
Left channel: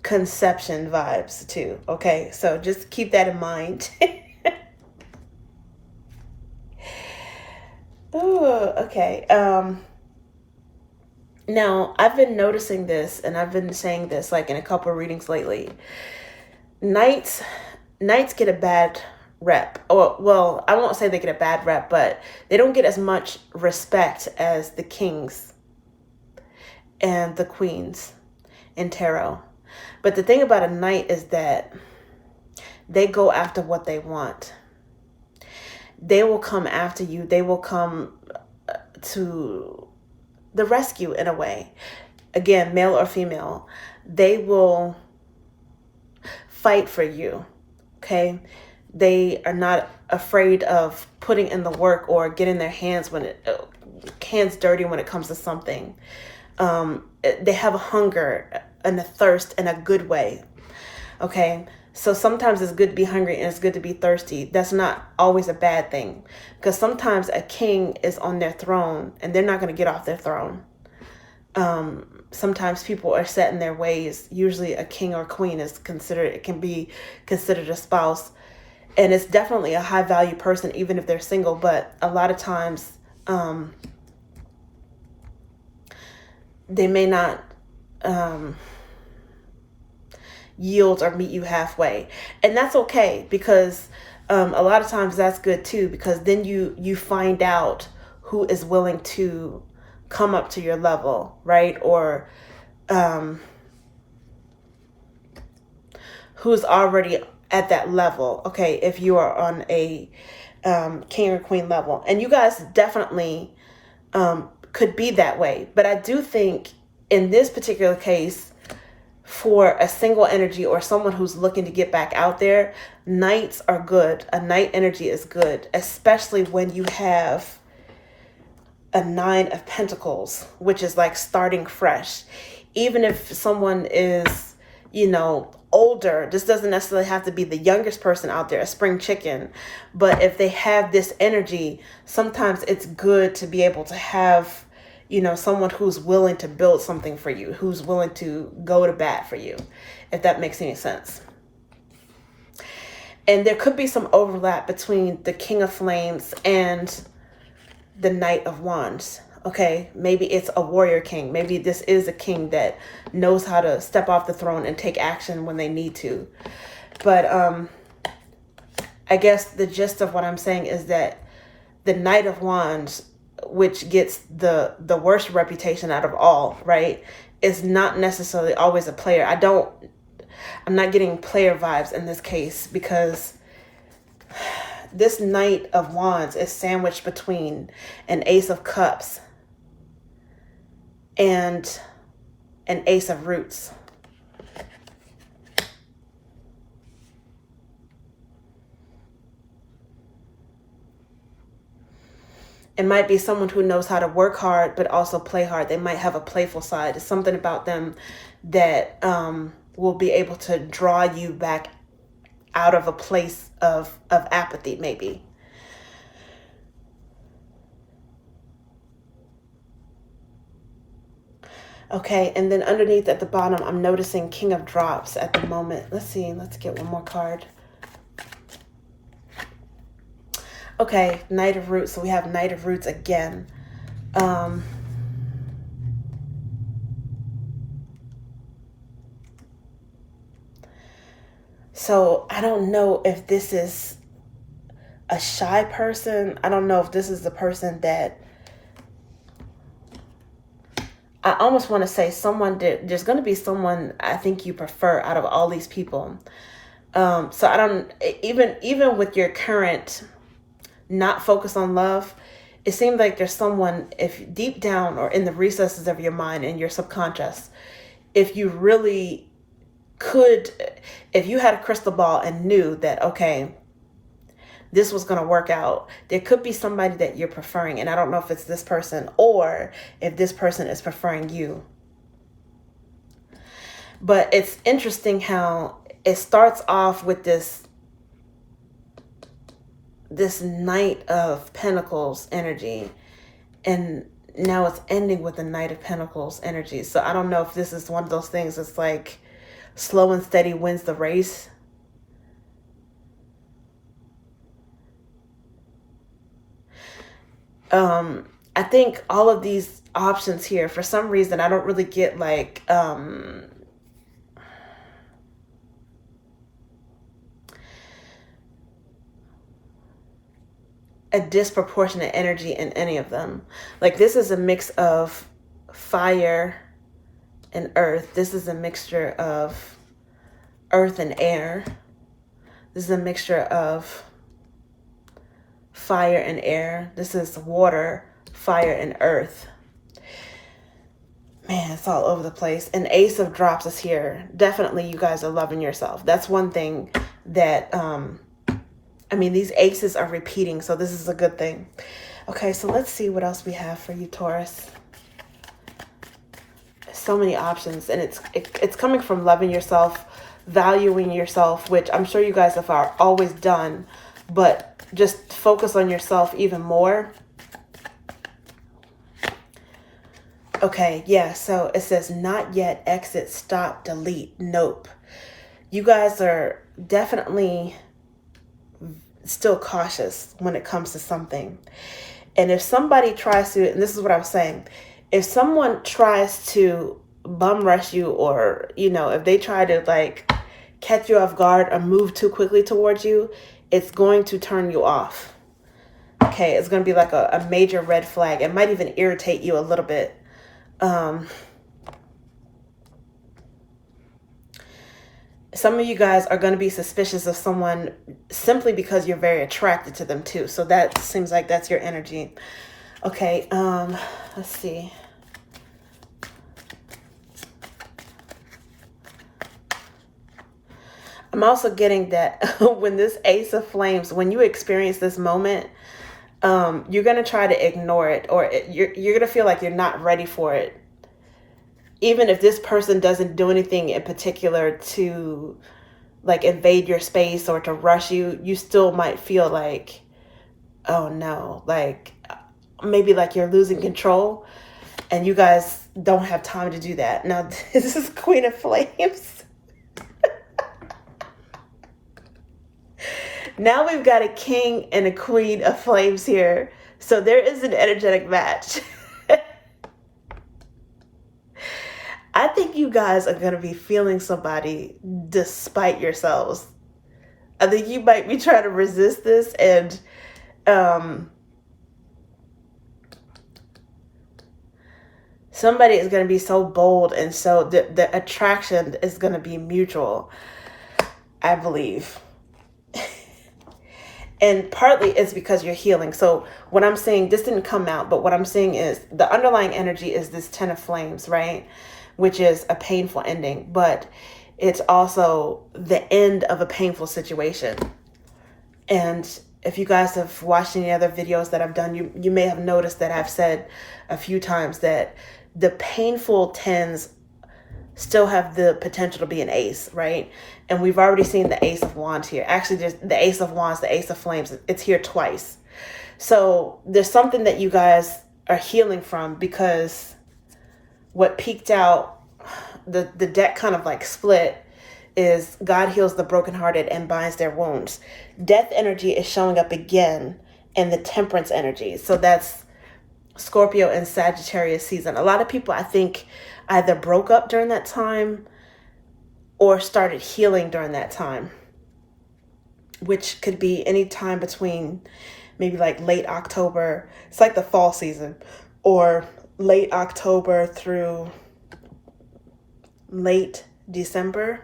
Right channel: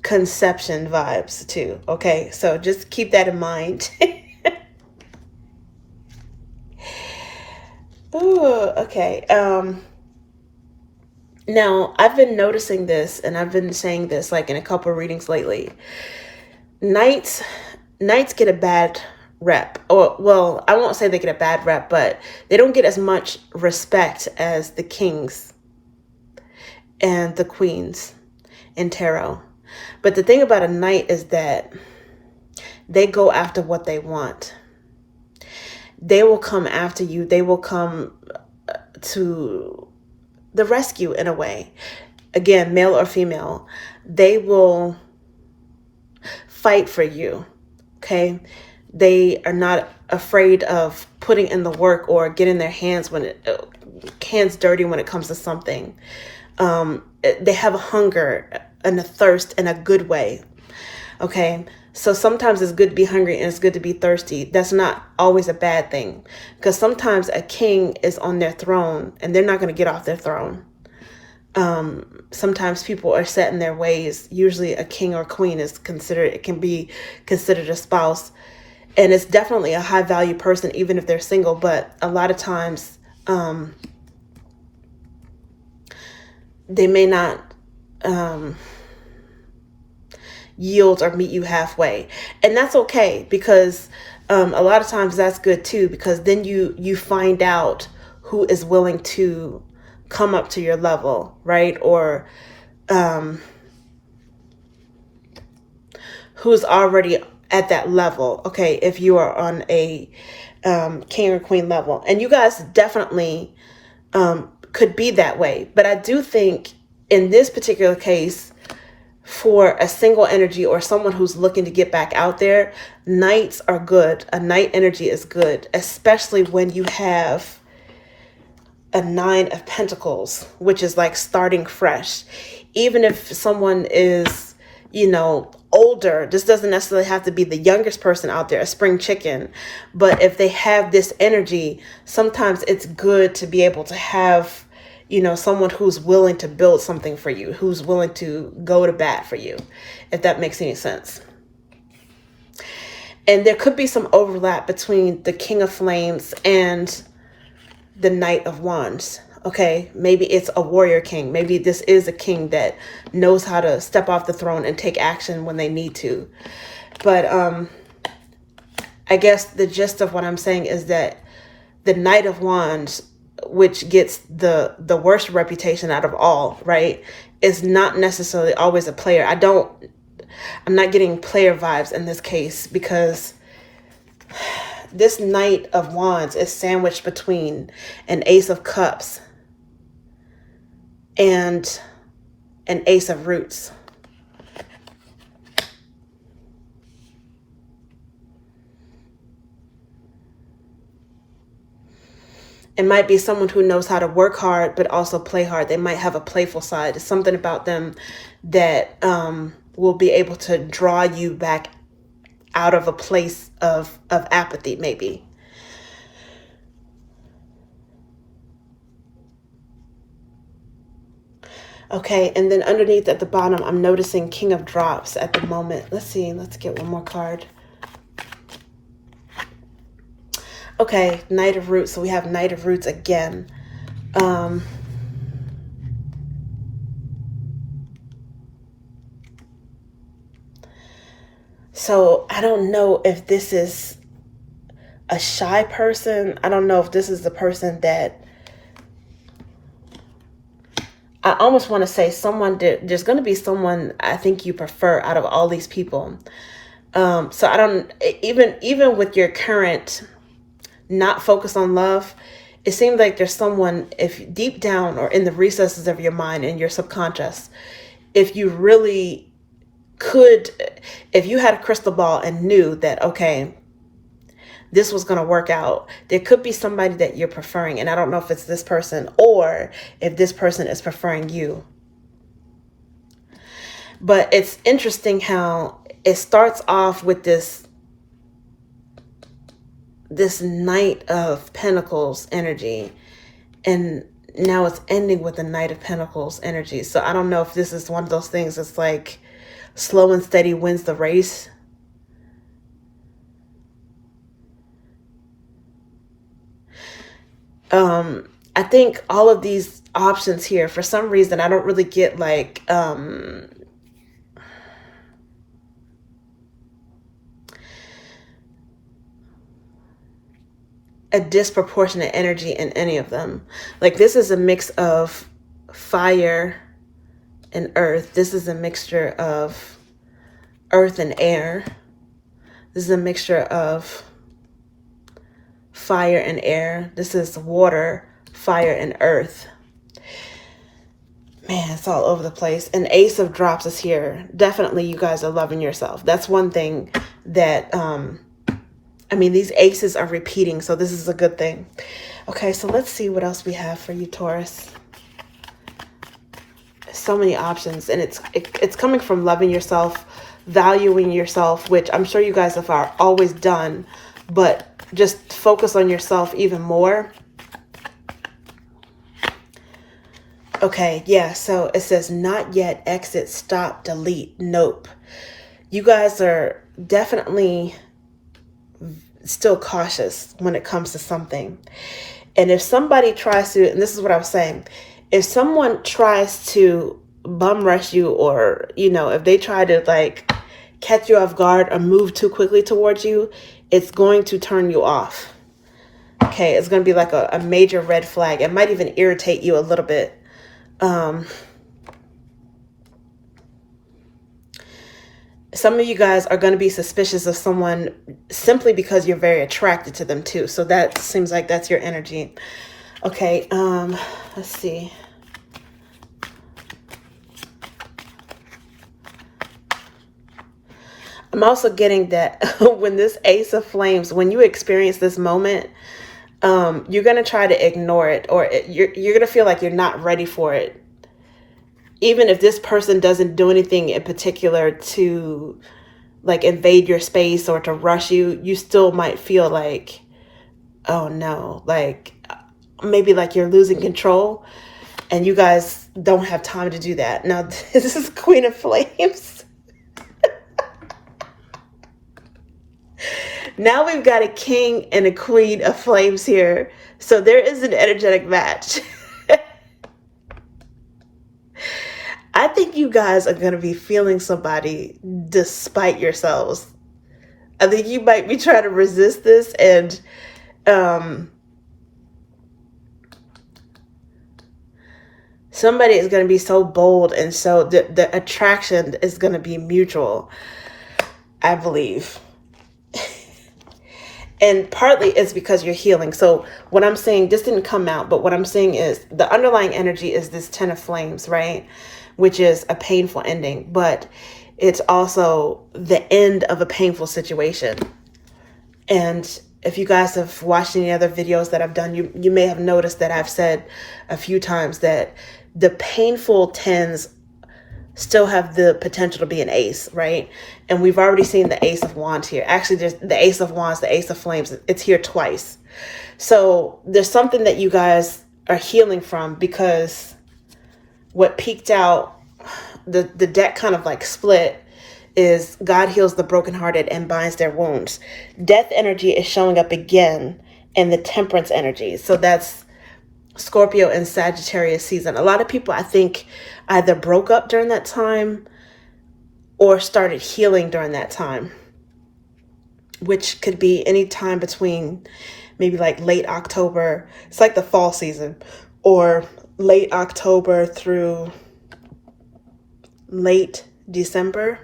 conception vibes too. Okay, so just keep that in mind. Ooh, okay. Now I've been noticing this, and I've been saying this like in a couple readings lately. Knights get a bad rep, or well, I won't say they get a bad rep, but they don't get as much respect as the kings and the queens in tarot. But the thing about a knight is that they go after what they want. They will come after you. They will come to the rescue in a way. Again, male or female, they will fight for you. Okay, they are not afraid of putting in the work or getting their hands dirty when it comes to something. They have a hunger and a thirst in a good way. Okay, so sometimes it's good to be hungry and it's good to be thirsty. That's not always a bad thing, because sometimes a king is on their throne and they're not going to get off their throne. Sometimes people are set in their ways. Usually a king or queen can be considered a spouse, and it's definitely a high value person, even if they're single. But a lot of times, they may not, yield or meet you halfway, and that's okay, because, a lot of times that's good too, because then you find out who is willing to come up to your level, right? Or who's already at that level. Okay, if you are on a king or queen level, and you guys definitely could be that way. But I do think in this particular case, for a single energy or someone who's looking to get back out there, nights are good. A night energy is good, especially when you have a 9 of Pentacles, which is like starting fresh. Even if someone is, you know, older, this doesn't necessarily have to be the youngest person out there, a spring chicken. But if they have this energy, sometimes it's good to be able to have, you know, someone who's willing to build something for you, who's willing to go to bat for you, if that makes any sense. And there could be some overlap between the King of Flames and the Knight of Wands. Okay, maybe it's a warrior king. Maybe this is a king that knows how to step off the throne and take action when they need to. But I guess the gist of what I'm saying is that the Knight of Wands, which gets the worst reputation out of all, right, is not necessarily always a player. I'm not getting player vibes in this case, because this Knight of Wands is sandwiched between an Ace of Cups and an Ace of Roots. It might be someone who knows how to work hard, but also play hard. They might have a playful side. It's something about them that will be able to draw you back out of a place of apathy, maybe. Okay, and then underneath at the bottom, I'm noticing King of Drops at the moment. Let's see, let's get one more card. Okay, Knight of Roots. So we have Knight of Roots again. So I don't know if this is a shy person. I don't know if this is the person that, I almost want to say someone there's going to be someone I think you prefer out of all these people. So I don't, even with your current not focus on love, it seems like there's someone, if deep down or in the recesses of your mind and your subconscious, if you really could, if you had a crystal ball and knew that, okay, this was going to work out, there could be somebody that you're preferring. And I don't know if it's this person or if this person is preferring you. But it's interesting how it starts off with this Knight of Pentacles energy, and now it's ending with the Knight of Pentacles energy. So I don't know if this is one of those things that's like slow and steady wins the race. I think all of these options here, for some reason, I don't really get like, a disproportionate energy in any of them. Like this is a mix of fire and earth. This is a mixture of earth and air. This is a mixture of fire and air. This is water, fire, and earth. Man, it's all over the place. And Ace of Drops is here. Definitely you guys are loving yourself. That's one thing that, I mean, these aces are repeating, so this is a good thing. Okay, so let's see what else we have for you, Taurus. So many options, and it's coming from loving yourself, valuing yourself, which I'm sure you guys have always done, but just focus on yourself even more. Okay, yeah, so it says not yet, exit, stop, delete, nope. You guys are definitely still cautious when it comes to something. And if somebody tries to, and this is what I was saying, if someone tries to bum rush you, or, you know, if they try to like catch you off guard or move too quickly towards you, it's going to turn you off. Okay, it's going to be like a major red flag. It might even irritate you a little bit. Some of you guys are going to be suspicious of someone simply because you're very attracted to them too. So that seems like that's your energy. Okay, let's see. I'm also getting that when this Ace of Flames, when you experience this moment, you're going to try to ignore it, or you're going to feel like you're not ready for it. Even if this person doesn't do anything in particular to like invade your space or to rush you, you still might feel like, oh no, like maybe like you're losing control, and you guys don't have time to do that. Now, this is Queen of Flames. Now we've got a king and a queen of flames here. So there is an energetic match. I think you guys are going to be feeling somebody despite yourselves. I think you might be trying to resist this, and somebody is going to be so bold, and so the attraction is going to be mutual, I believe. And partly it's because you're healing. So what I'm saying, this didn't come out, but what I'm saying is the underlying energy is this 10 of flames, right? Which is a painful ending, but it's also the end of a painful situation. And if you guys have watched any other videos that I've done, you may have noticed that I've said a few times that the painful tens still have the potential to be an ace, right? And we've already seen the Ace of Wands here. Actually, there's the Ace of Wands, the Ace of Flames. It's here twice. So there's something that you guys are healing from, because what peaked out, the deck kind of like split, is God heals the brokenhearted and binds their wounds. Death energy is showing up again in the Temperance energy. So that's Scorpio and Sagittarius season. A lot of people, I think, either broke up during that time or started healing during that time, which could be any time between maybe like late October. It's like the fall season, or late October through late December,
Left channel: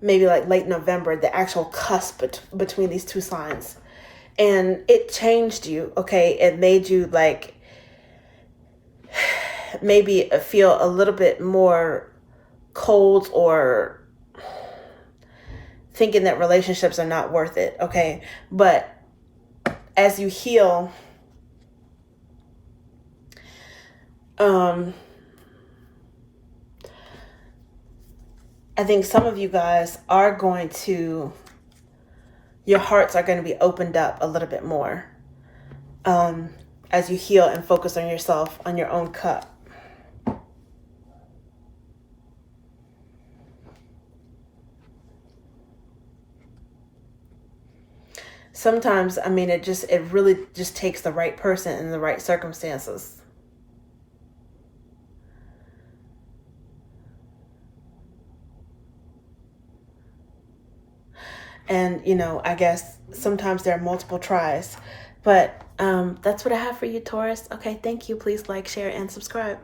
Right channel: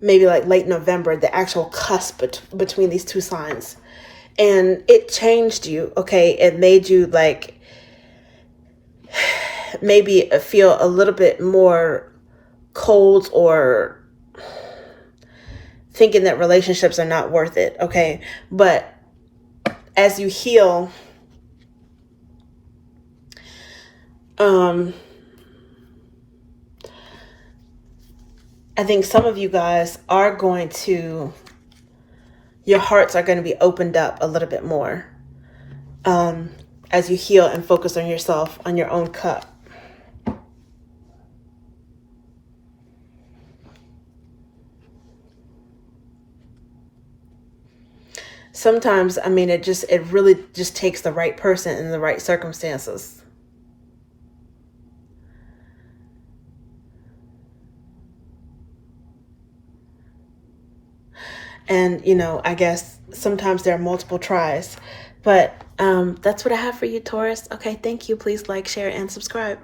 maybe like late November, the actual cusp between these two signs. And it changed you, okay? It made you like maybe feel a little bit more cold, or thinking that relationships are not worth it, okay? But as you heal, I think some of you guys are going to, your hearts are going to be opened up a little bit more as you heal and focus on yourself, on your own cup. Sometimes, I mean, it really just takes the right person in the right circumstances. And, you know, I guess sometimes there are multiple tries. But that's what I have for you, Taurus. Okay, thank you. Please like, share, and subscribe.